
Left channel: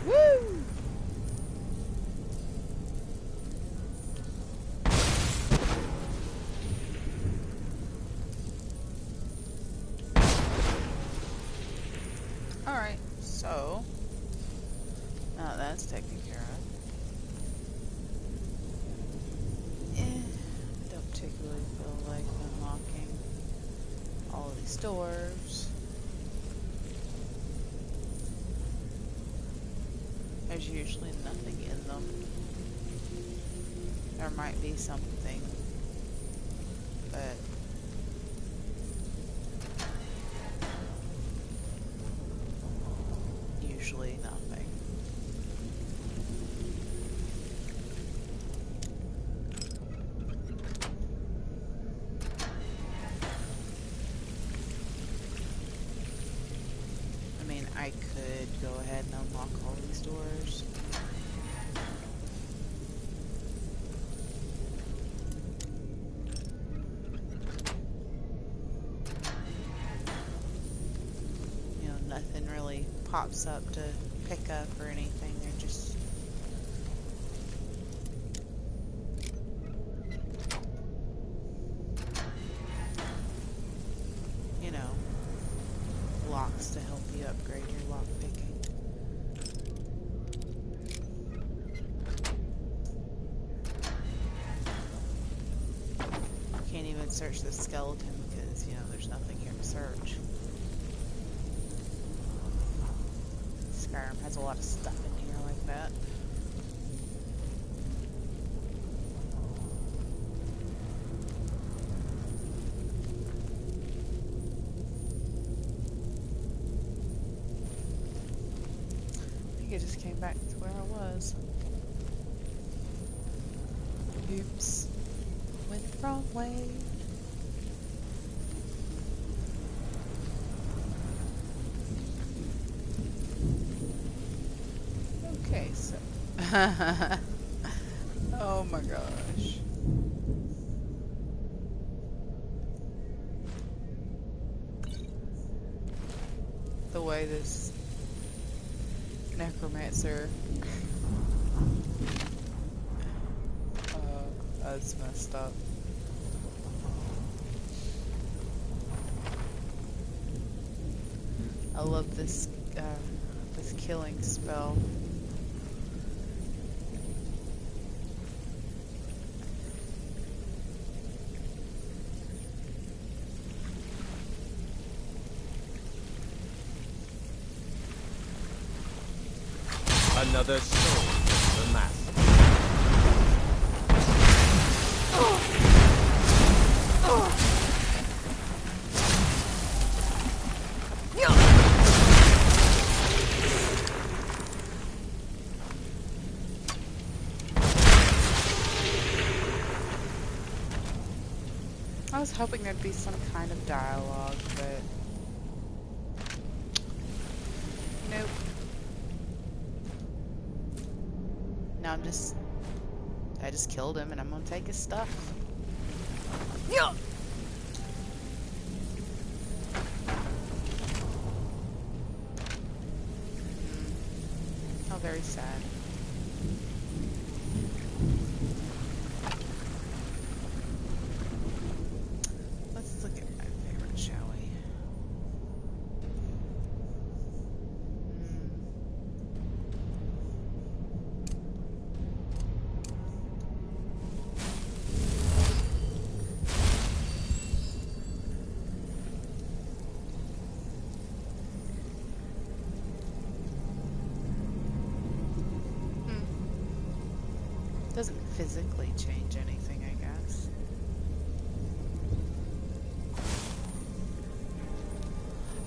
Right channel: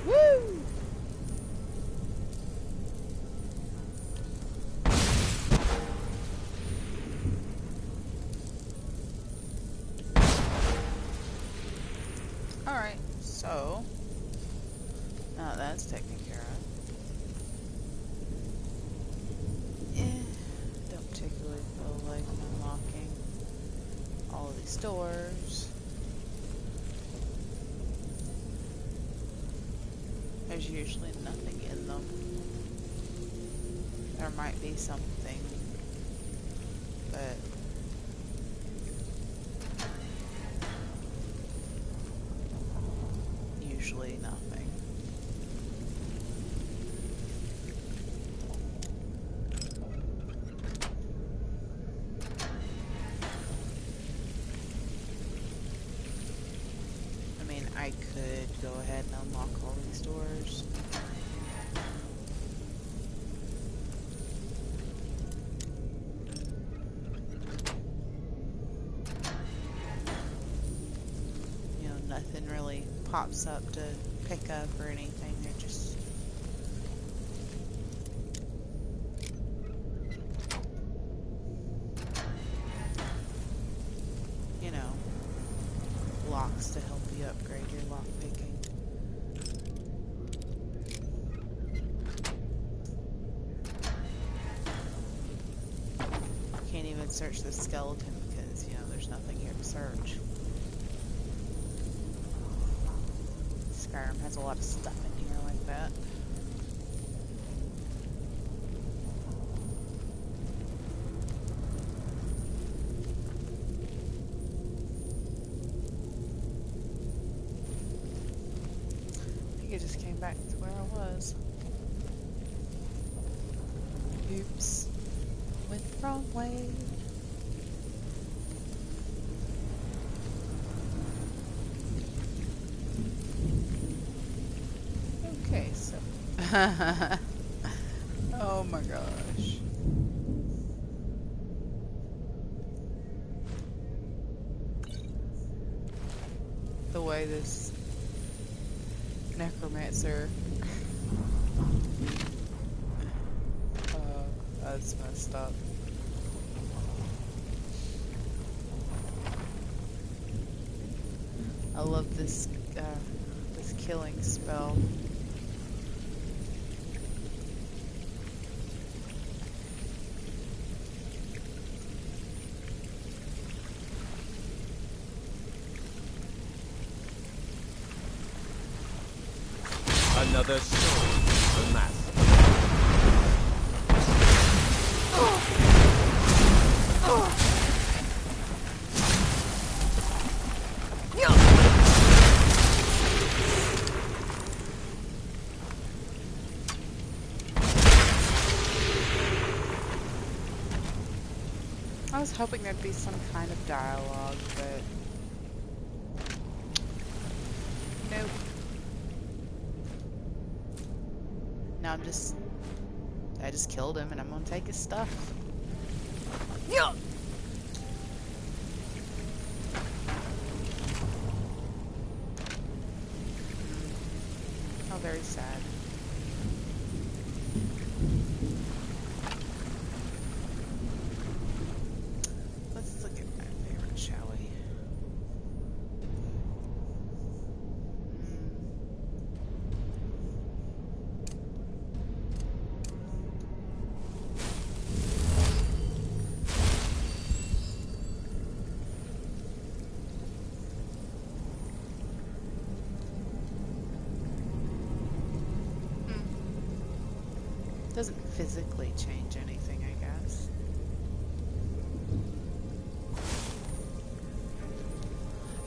Woo! Alright, so now that's taken care of. Don't particularly feel like unlocking all of these doors. There's usually nothing in them. There might be something, but usually nothing. I could go ahead and unlock all these doors. You know, nothing really pops up to pick up or anything. They're just... you know, blocks to help you upgrade your lock picking. Can't even search the skeleton because, you know, there's nothing here to search. Skyrim has a lot of stuff in here like that. I just came back to where I was. Oops. Went the wrong way. Okay, so... oh my gosh. The way this necromancer that's messed up. I love this this killing spell. Another soul for the master. I was hoping there'd be some kind of dialogue, but nope. Now I just killed him and I'm gonna take his stuff. Yeah. How very sad. Let's look at my favorite, shall we? Doesn't physically change anything, I guess.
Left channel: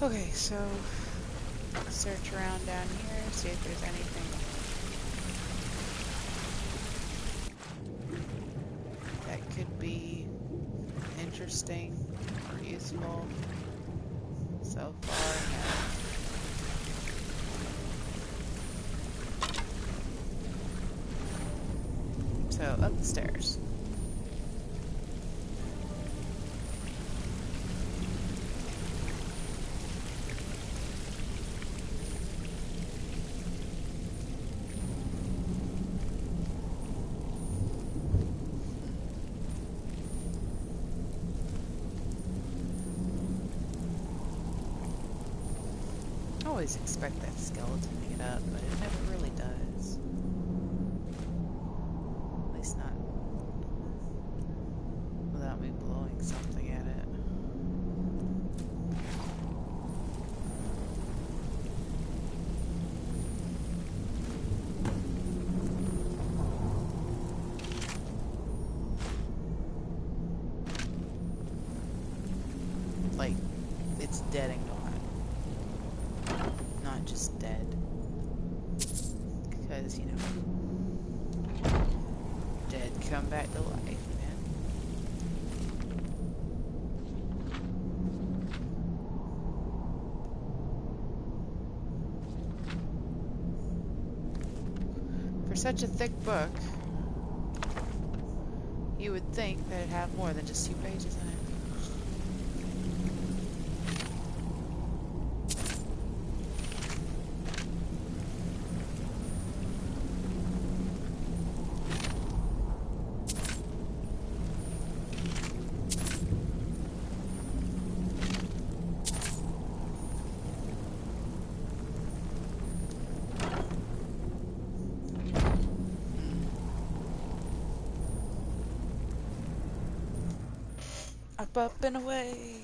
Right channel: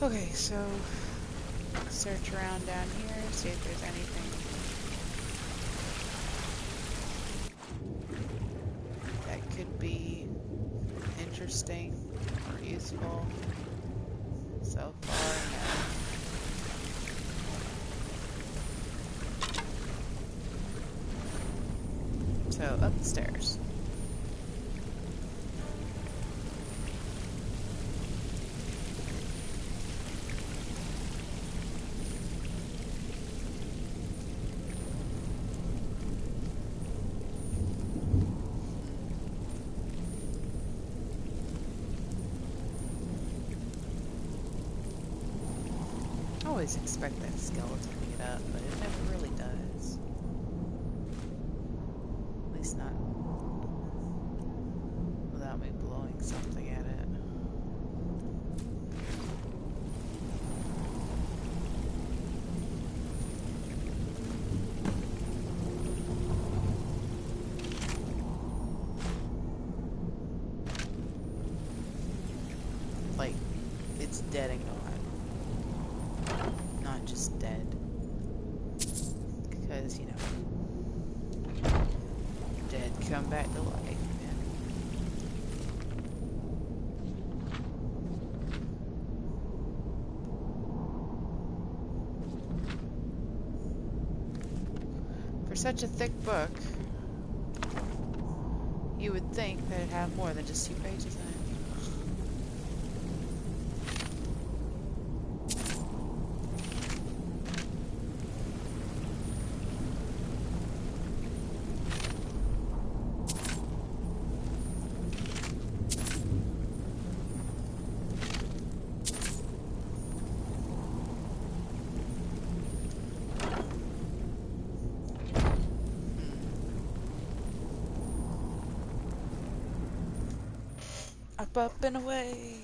Okay, so search around down here, see if there's anything that could be interesting or useful. So far, no. So, up the stairs. I always expect that skeleton to get up, but it never really does. At least not without me blowing something at it. Like, it's dead and gone. Not just dead. Because, you know, dead come back to life, man. such a thick book, you would think that it'd have more than just 2 pages in it. Up and away.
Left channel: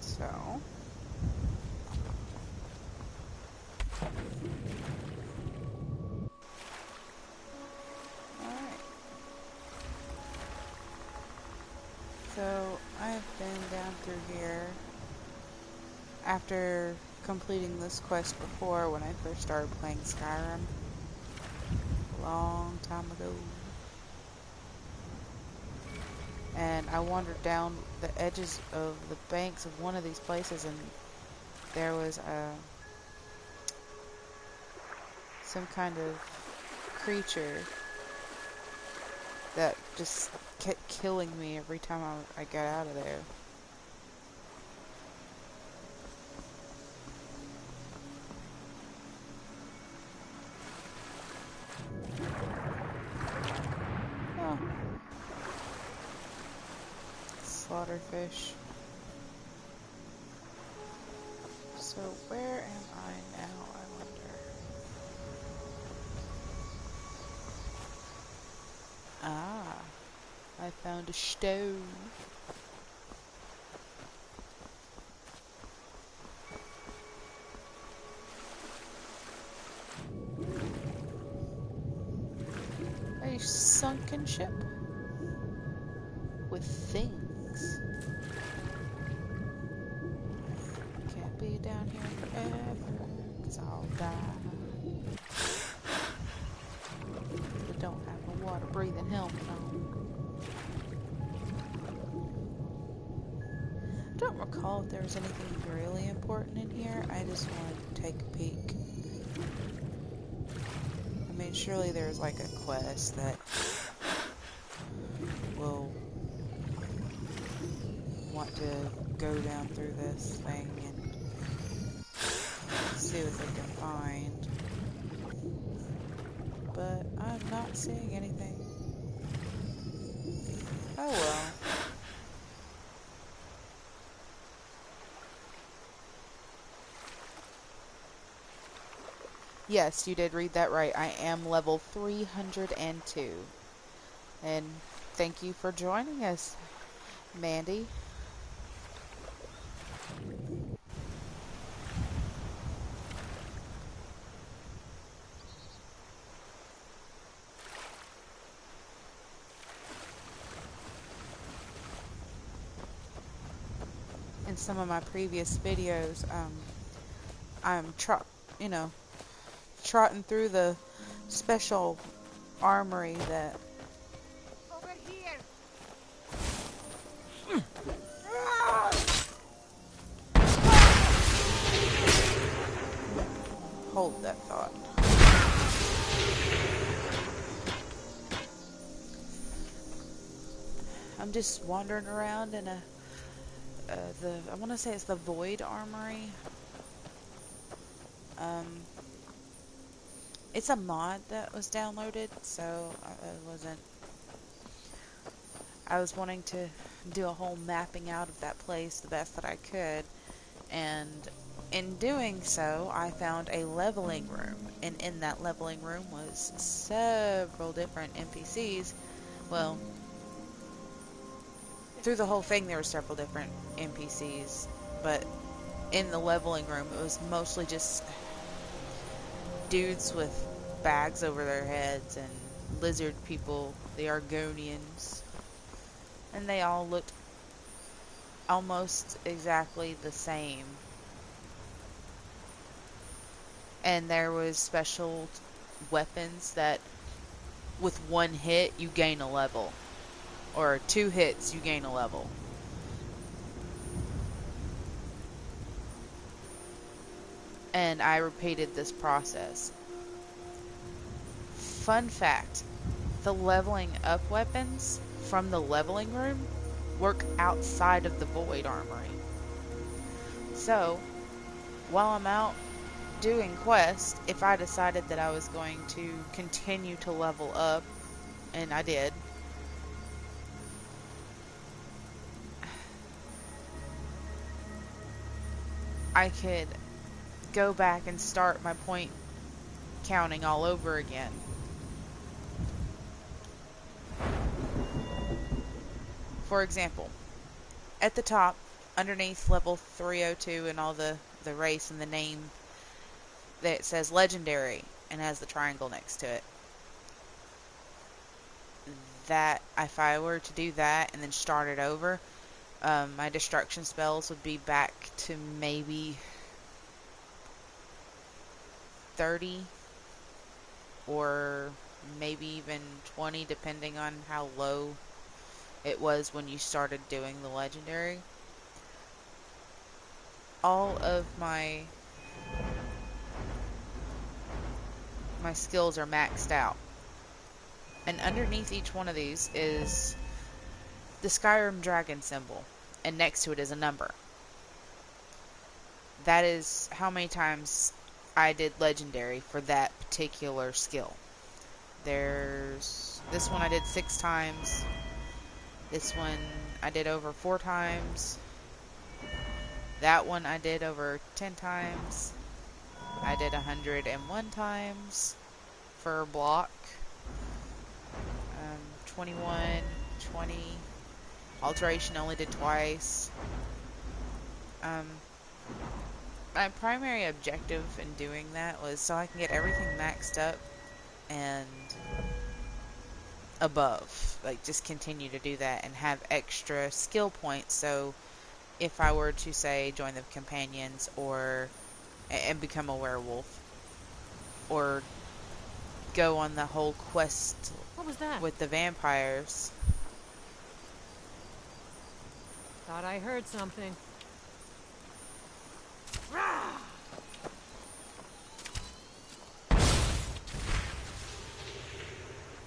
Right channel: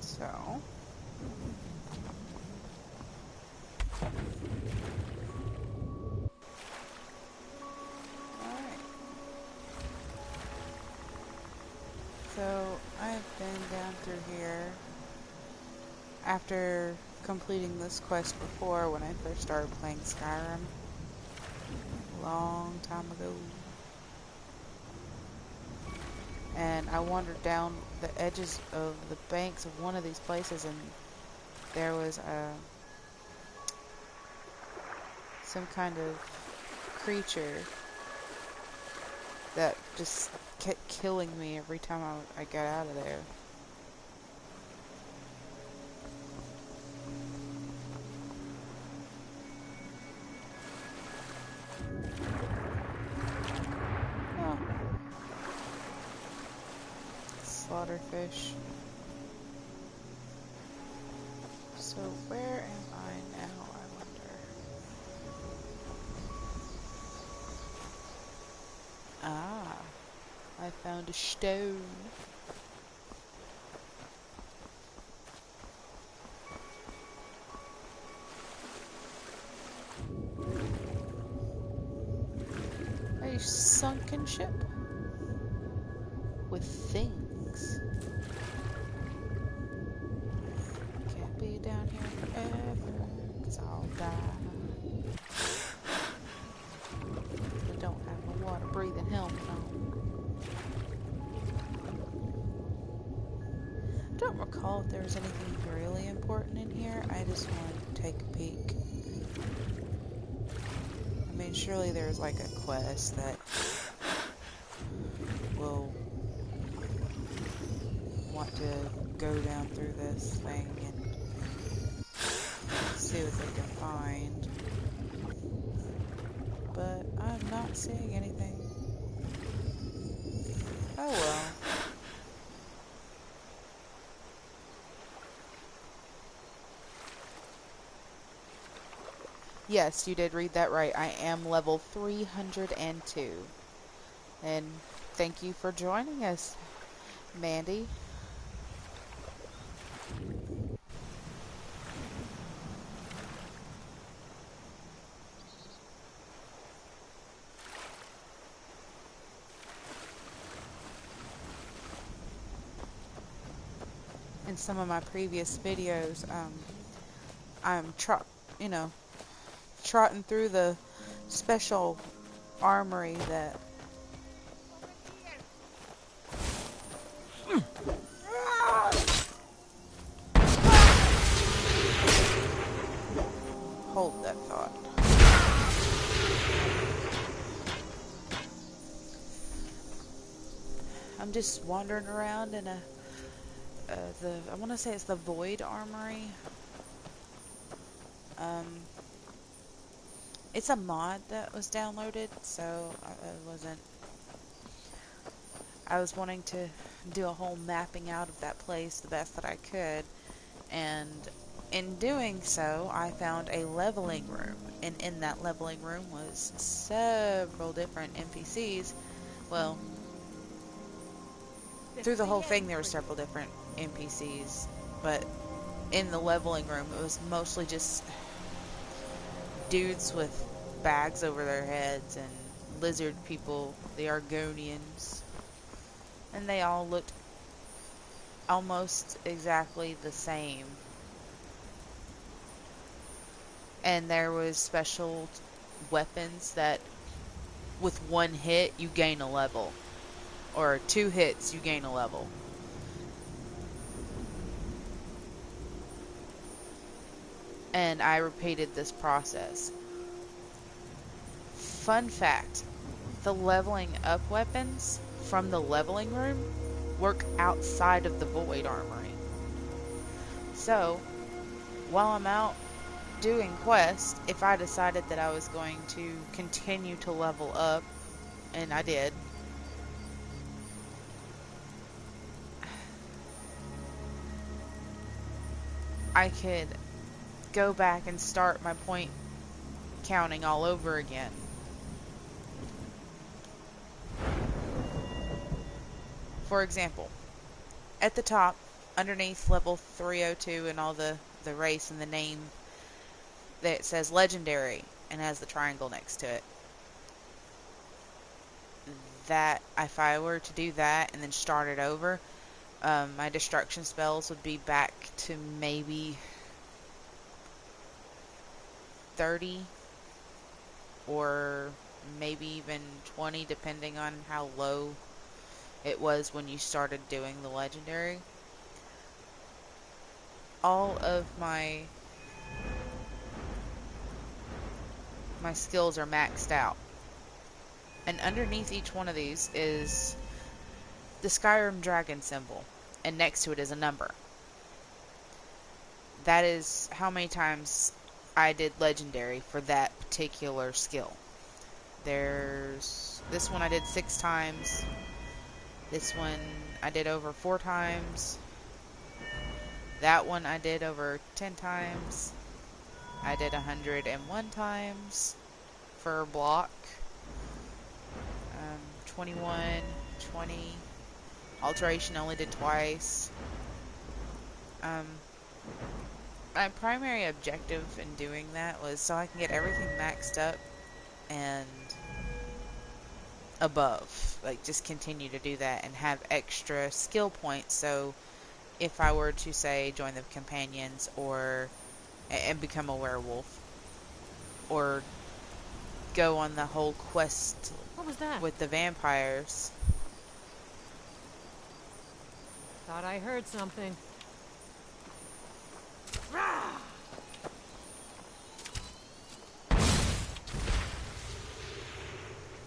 So. So, I've been down through here after completing this quest before when I first started playing Skyrim a long time ago. And I wandered down the edges of the banks of one of these places, and there was some kind of creature that just kept killing me every time I got out of there. Oh. Slaughterfish. So where am I now, I wonder? Ah. I found a stone. A sunken ship with things. Can't be down here forever, 'cause I'll die. I don't have a water-breathing helmet on. I don't recall if there was anything really important in here. I just wanted to take a peek. I mean, surely there's like a quest that will want to go down through this thing and see what they can find. But I'm not seeing anything. Oh well. Yes, you did read that right. I am level 302. And thank you for joining us, Mandy. In some of my previous videos, I'm trotting through the special armory that Over here. hold that thought. I'm just wandering around in I want to say it's the Void Armory. It's a mod that was downloaded, so I was wanting to do a whole mapping out of that place the best that I could, and in doing so, I found a leveling room, and in that leveling room was several different NPCs. Well, through the whole thing there were several different NPCs, but in the leveling room it was mostly just dudes with bags over their heads and lizard people, the Argonians, and they all looked almost exactly the same. And there was special weapons that with one hit you gain a level. Or 2 hits you gain a level. And I repeated this process. Fun fact, the leveling up weapons from the leveling room work outside of the Void Armory. So, while I'm out doing quests, if I decided that I was going to continue to level up, and I did, I could go back and start my point counting all over again. For example, at the top, underneath level 302 and all the race and the name, that says legendary and has the triangle next to it. That, if I were to do that and then start it over, my destruction spells would be back to maybe 30 or maybe even 20, depending on how low it was when you started doing the legendary. All of my skills are maxed out. And underneath each one of these is the Skyrim dragon symbol, and next to it is a number. That is how many times I did legendary for that particular skill. There's this one I did 6 times. This one I did over 4 times. That one I did over 10 times. I did 101 times for a block. 21, 20. Alteration only did twice. My primary objective in doing that was so I can get everything maxed up and above. Like, just continue to do that and have extra skill points, so if I were to, say, join the companions or and become a werewolf, or go on the whole quest What was that? with the vampires. Thought I heard something.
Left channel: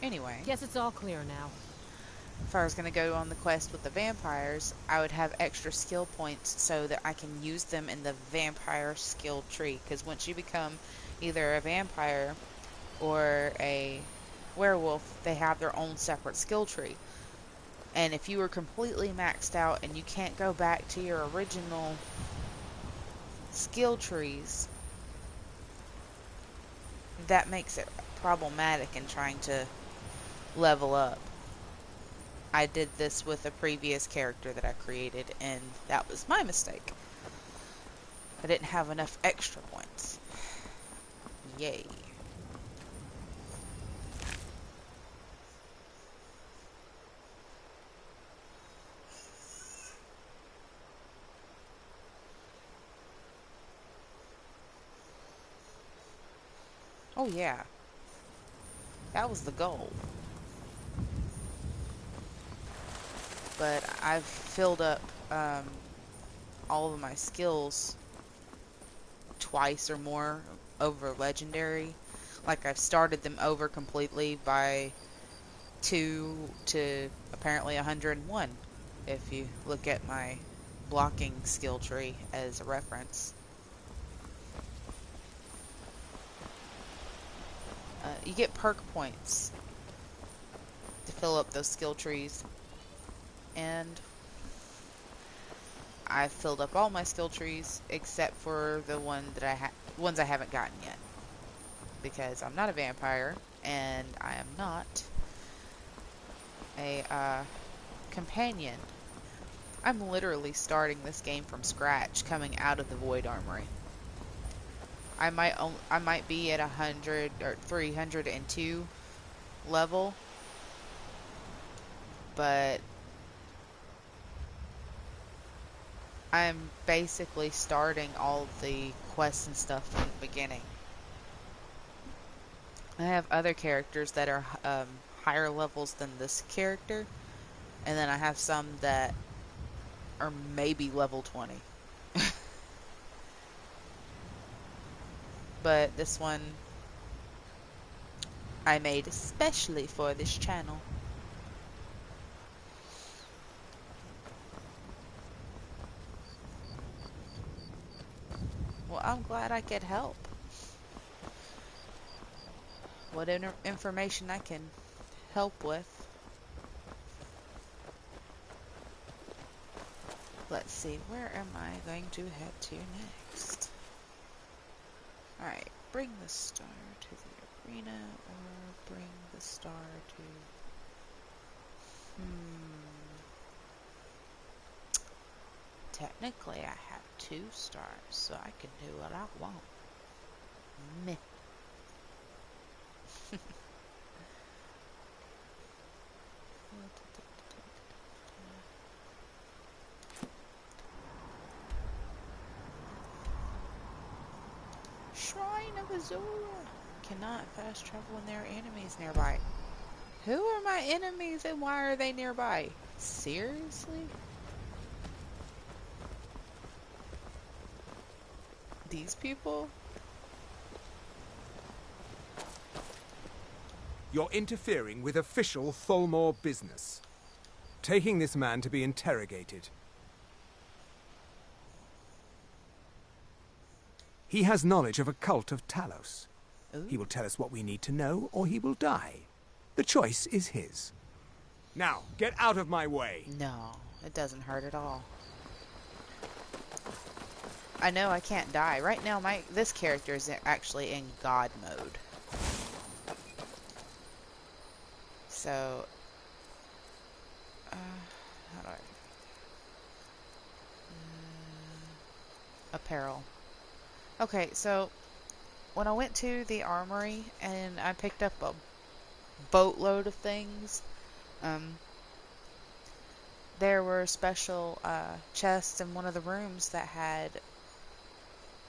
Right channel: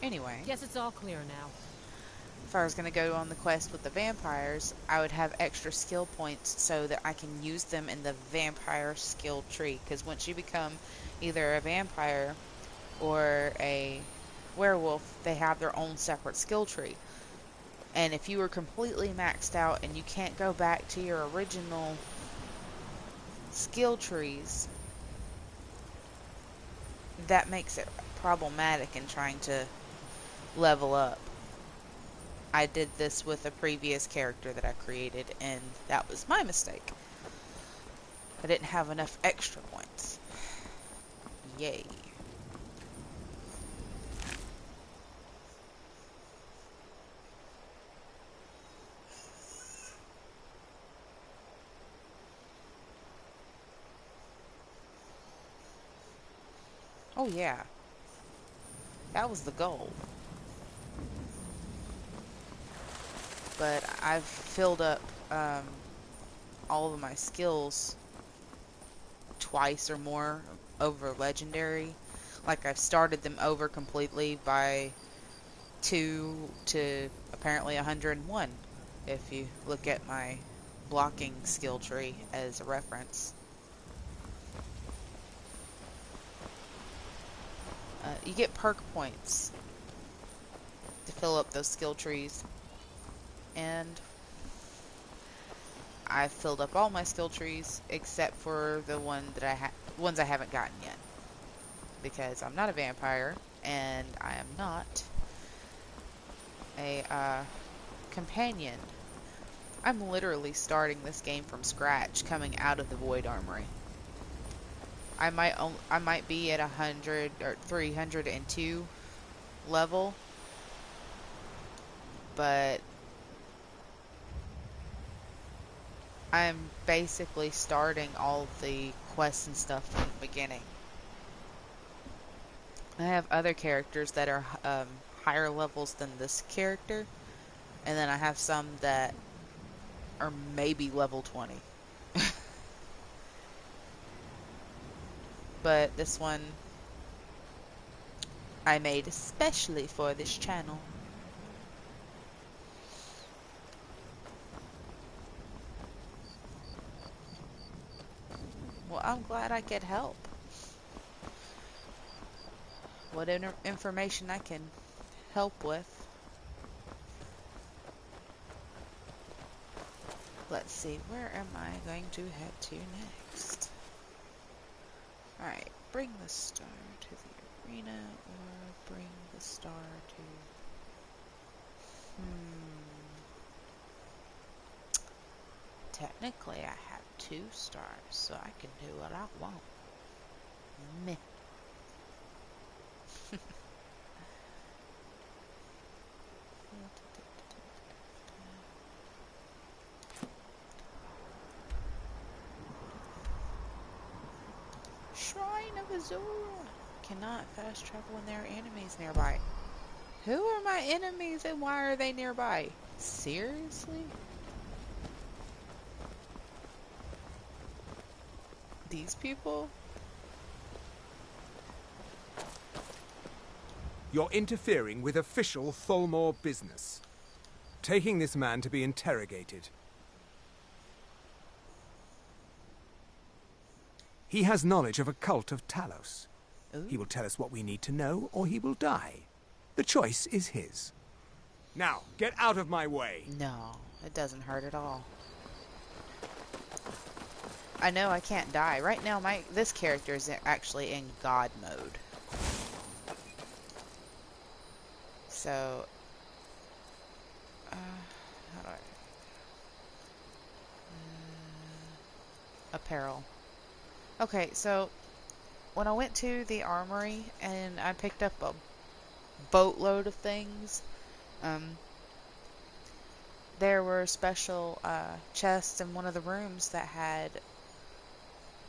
Anyway, Guess it's all clear now. if I was going to go on the quest with the vampires, I would have extra skill points so that I can use them in the vampire skill tree. Because once you become either a vampire or a werewolf, they have their own separate skill tree. And if you were completely maxed out and you can't go back to your original skill trees, that makes it problematic in trying to level up. I did this with a previous character that I created, and that was my mistake. I didn't have enough extra points. Yay. Oh yeah. That was the goal. But I've filled up all of my skills twice or more over legendary. Like, I've started them over completely by 2 to apparently 101, if you look at my blocking skill tree as a reference. You get perk points to fill up those skill trees, and I've filled up all my skill trees except for the ones I haven't gotten yet, because I'm not a vampire and I am not a companion. I'm literally starting this game from scratch, coming out of the Void Armory. I might be at 100 or 302 level, but I'm basically starting all the quests and stuff from the beginning. I have other characters that are higher levels than this character, and then I have some that are maybe level 20. But this one I made especially for this channel. Well, I'm glad I could help. What information I can help with. Let's see, where am I going to head to next? Alright, bring the star to the arena, or bring the star to... Technically, I have 2 stars, so I can do what I want. Meh. Shrine of Azura. Cannot fast travel when there are enemies nearby. Who are my enemies and why are they nearby? Seriously? These people? You're interfering with official Tholmor business. Taking this man to be interrogated. He has knowledge of a cult of Talos. Ooh. He will tell us what we need to know, or he will die. The choice is his. Now, get out of my way! No, it doesn't hurt at all. I know I can't die. Right now, this character is actually in God mode. So, how do I... apparel. Okay, so when I went to the armory and I picked up a boatload of things, there were special chests in one of the rooms that had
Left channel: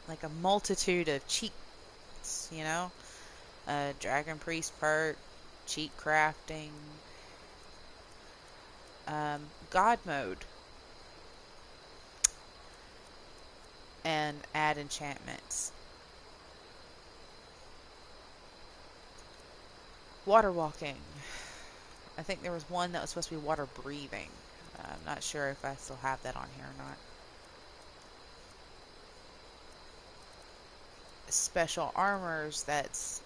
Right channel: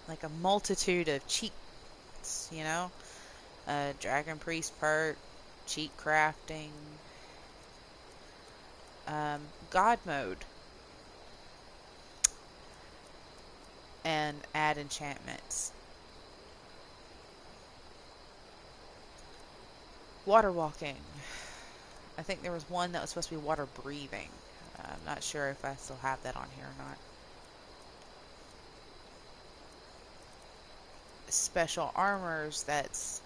like a multitude of cheats, you know? Dragon Priest perk, cheat crafting, God mode, and add enchantments. Water walking. I think there was one that was supposed to be water breathing. I'm not sure if I still have that on here or not. Special armors that's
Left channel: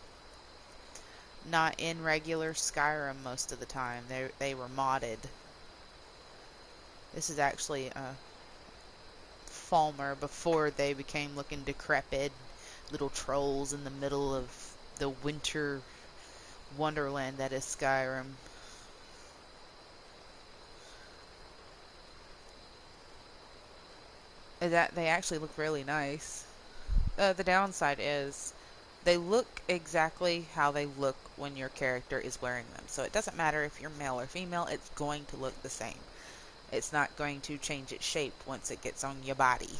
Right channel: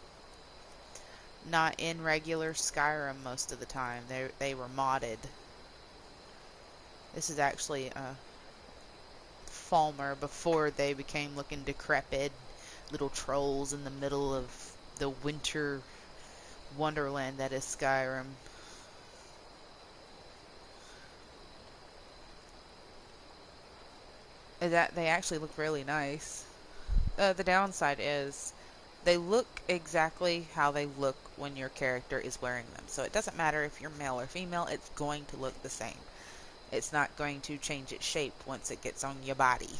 not in regular Skyrim most of the time. They were modded. This is actually Falmer before they became looking decrepit little trolls in the middle of the winter wonderland that is Skyrim. That they actually look really nice. The downside is they look exactly how they look when your character is wearing them. So it doesn't matter if you're male or female, it's going to look the same. It's not going to change its shape once it gets on your body.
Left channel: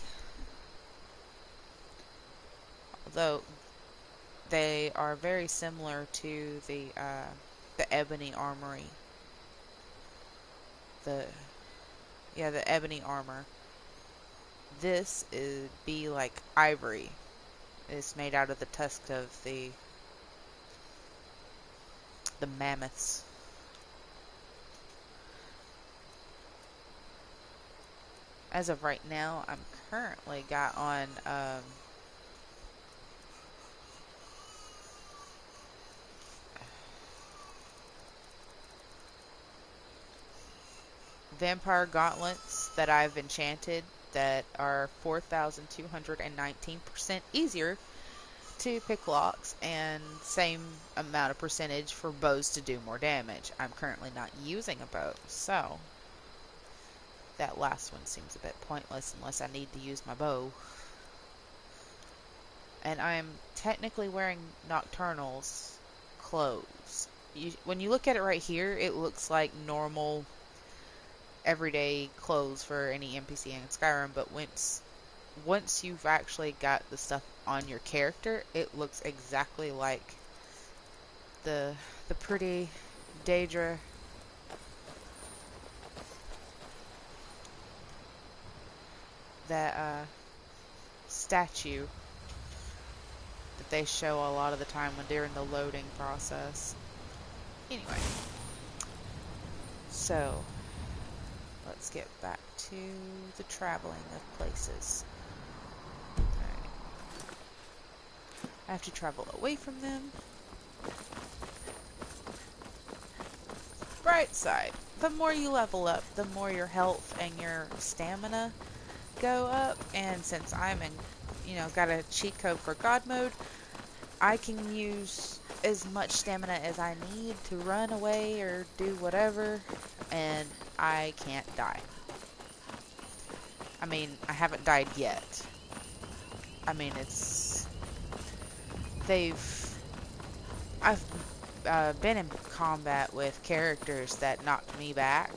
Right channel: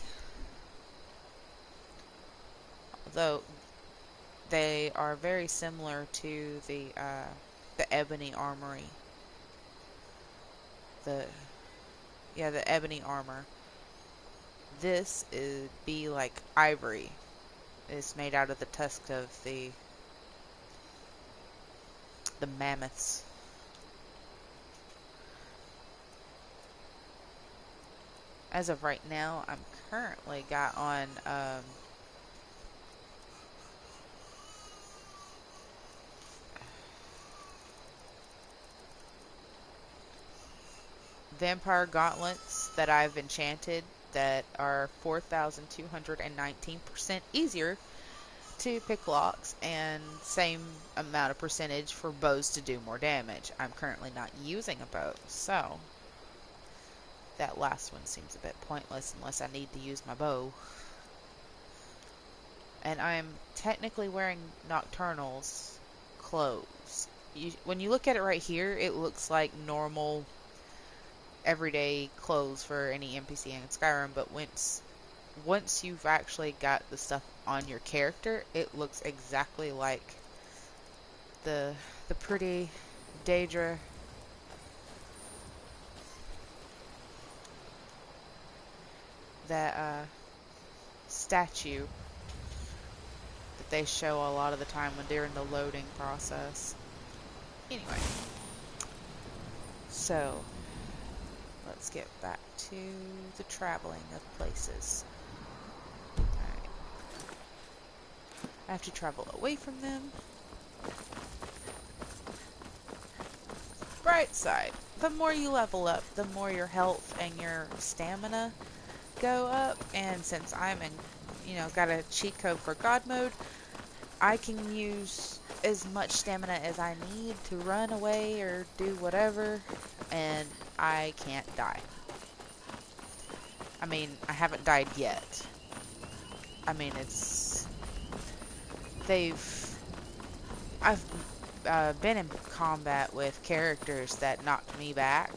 Although they are very similar to the ebony armory. The ebony armor. This is be like ivory. It's made out of the tusk of the mammoths. As of right now, I'm currently got on vampire gauntlets that I've enchanted that are 4,219% easier to pick locks and same amount of percentage for bows to do more damage. I'm currently not using a bow, so that last one seems a bit pointless unless I need to use my bow. And I'm technically wearing Nocturnal's clothes. When you look at it right here, it looks like normal everyday clothes for any NPC in Skyrim, but once you've actually got the stuff on your character, it looks exactly like the pretty Daedra that statue that they show a lot of the time when they're in the loading process. Anyway, so let's get back to the traveling of places. Alright. I have to travel away from them. Bright side. The more you level up, the more your health and your stamina go up. And since I'm got a cheat code for God mode, I can use as much stamina as I need to run away or do whatever, and I can't die. I mean, I haven't died yet. I mean, I've been in combat with characters that knocked me back,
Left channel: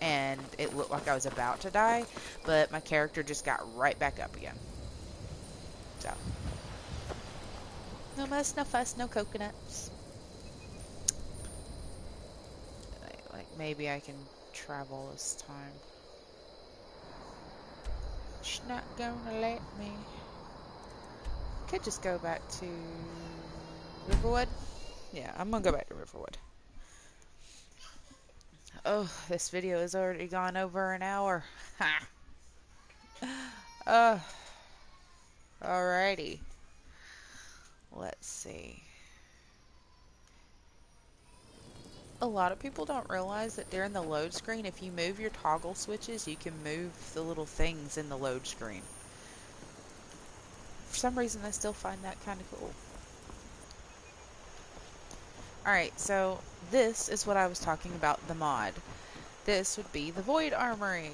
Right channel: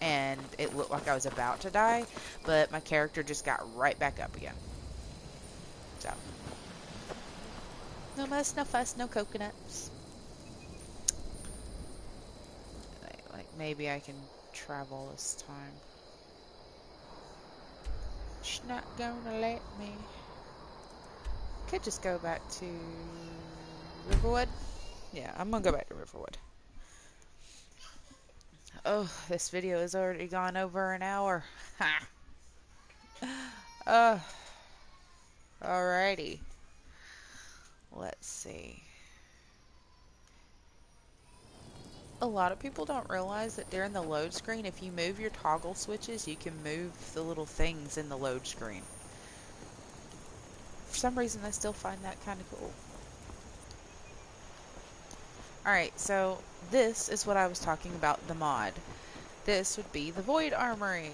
and it looked like I was about to die, but my character just got right back up again. So, no muss, no fuss, no coconuts. Like maybe I can travel this time. She's not gonna let me. Could just go back to Riverwood. Yeah, I'm gonna go back to Riverwood. Oh, this video has already gone over an hour. Ha! Alrighty. Let's see. A lot of people don't realize that during the load screen, if you move your toggle switches, you can move the little things in the load screen. For some reason, I still find that kind of cool. Alright, so this is what I was talking about, the mod. This would be the Void Armory.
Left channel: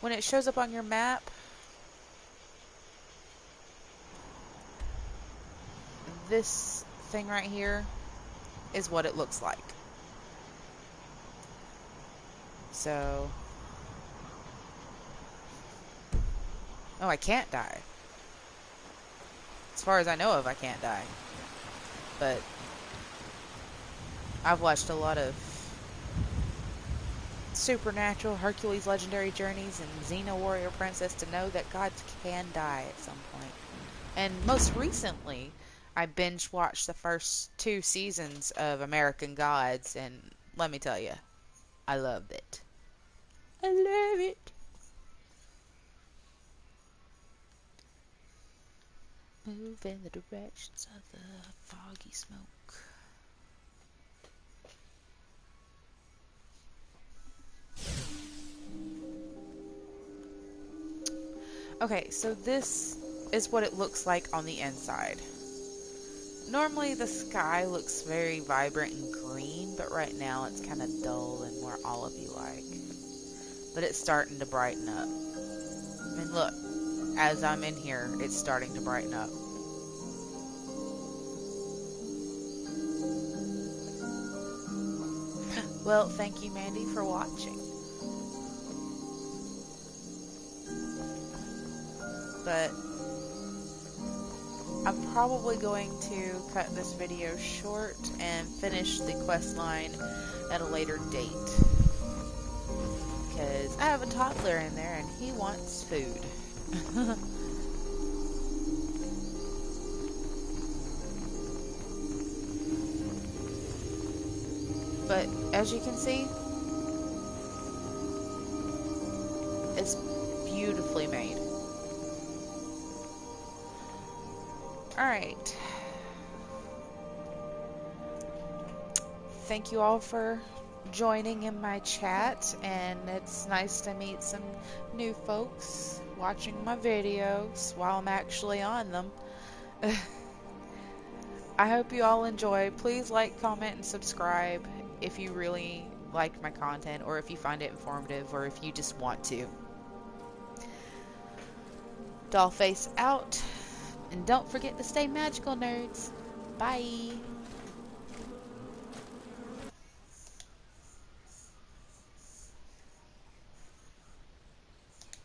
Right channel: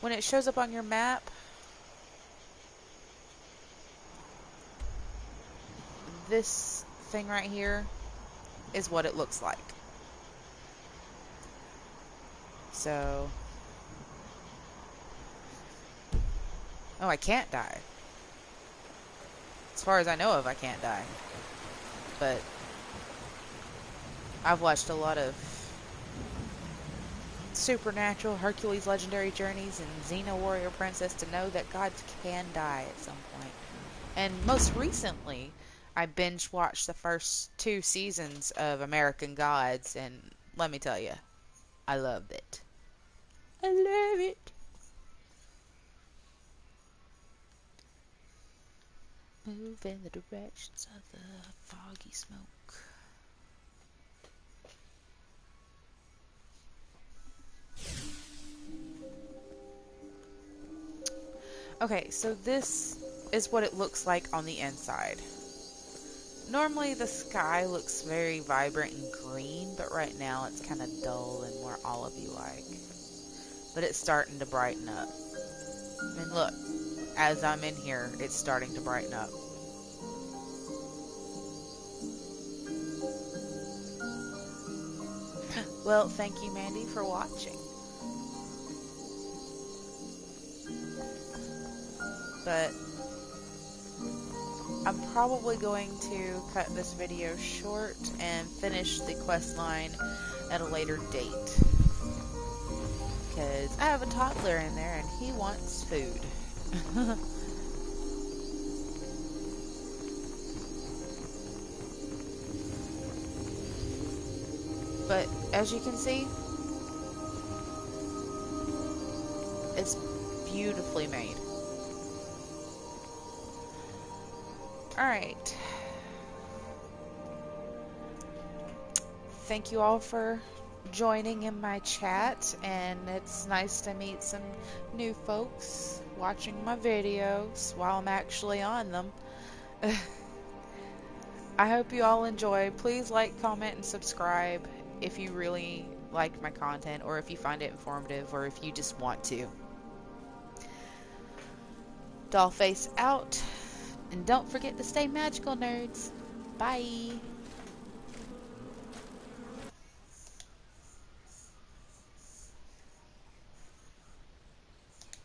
When it shows up on your map, this thing right here is what it looks like. So, oh, I can't die. As far as I know of, I can't die. But I've watched a lot of Supernatural, Hercules Legendary Journeys, and Xena Warrior Princess to know that gods can die at some point. And most recently, I binge watched the first 2 seasons of American Gods, and let me tell you, I loved it. I love it. Move in the directions of the foggy smoke. Okay, so this is what it looks like on the inside. Normally the sky looks very vibrant and green, but right now it's kind of dull and more olivey like. But it's starting to brighten up. I mean, look, as I'm in here, it's starting to brighten up. Well, thank you, Mandy, for watching. But I'm probably going to cut this video short and finish the quest line at a later date. Because I have a toddler in there and he wants food. But as you can see, it's beautifully made. Alright. Thank you all for joining in my chat, and it's nice to meet some new folks watching my videos while I'm actually on them. I hope you all enjoy. Please like, comment, and subscribe if you really like my content, or if you find it informative, or if you just want to. DollFace out. And don't forget to stay magical, nerds. Bye.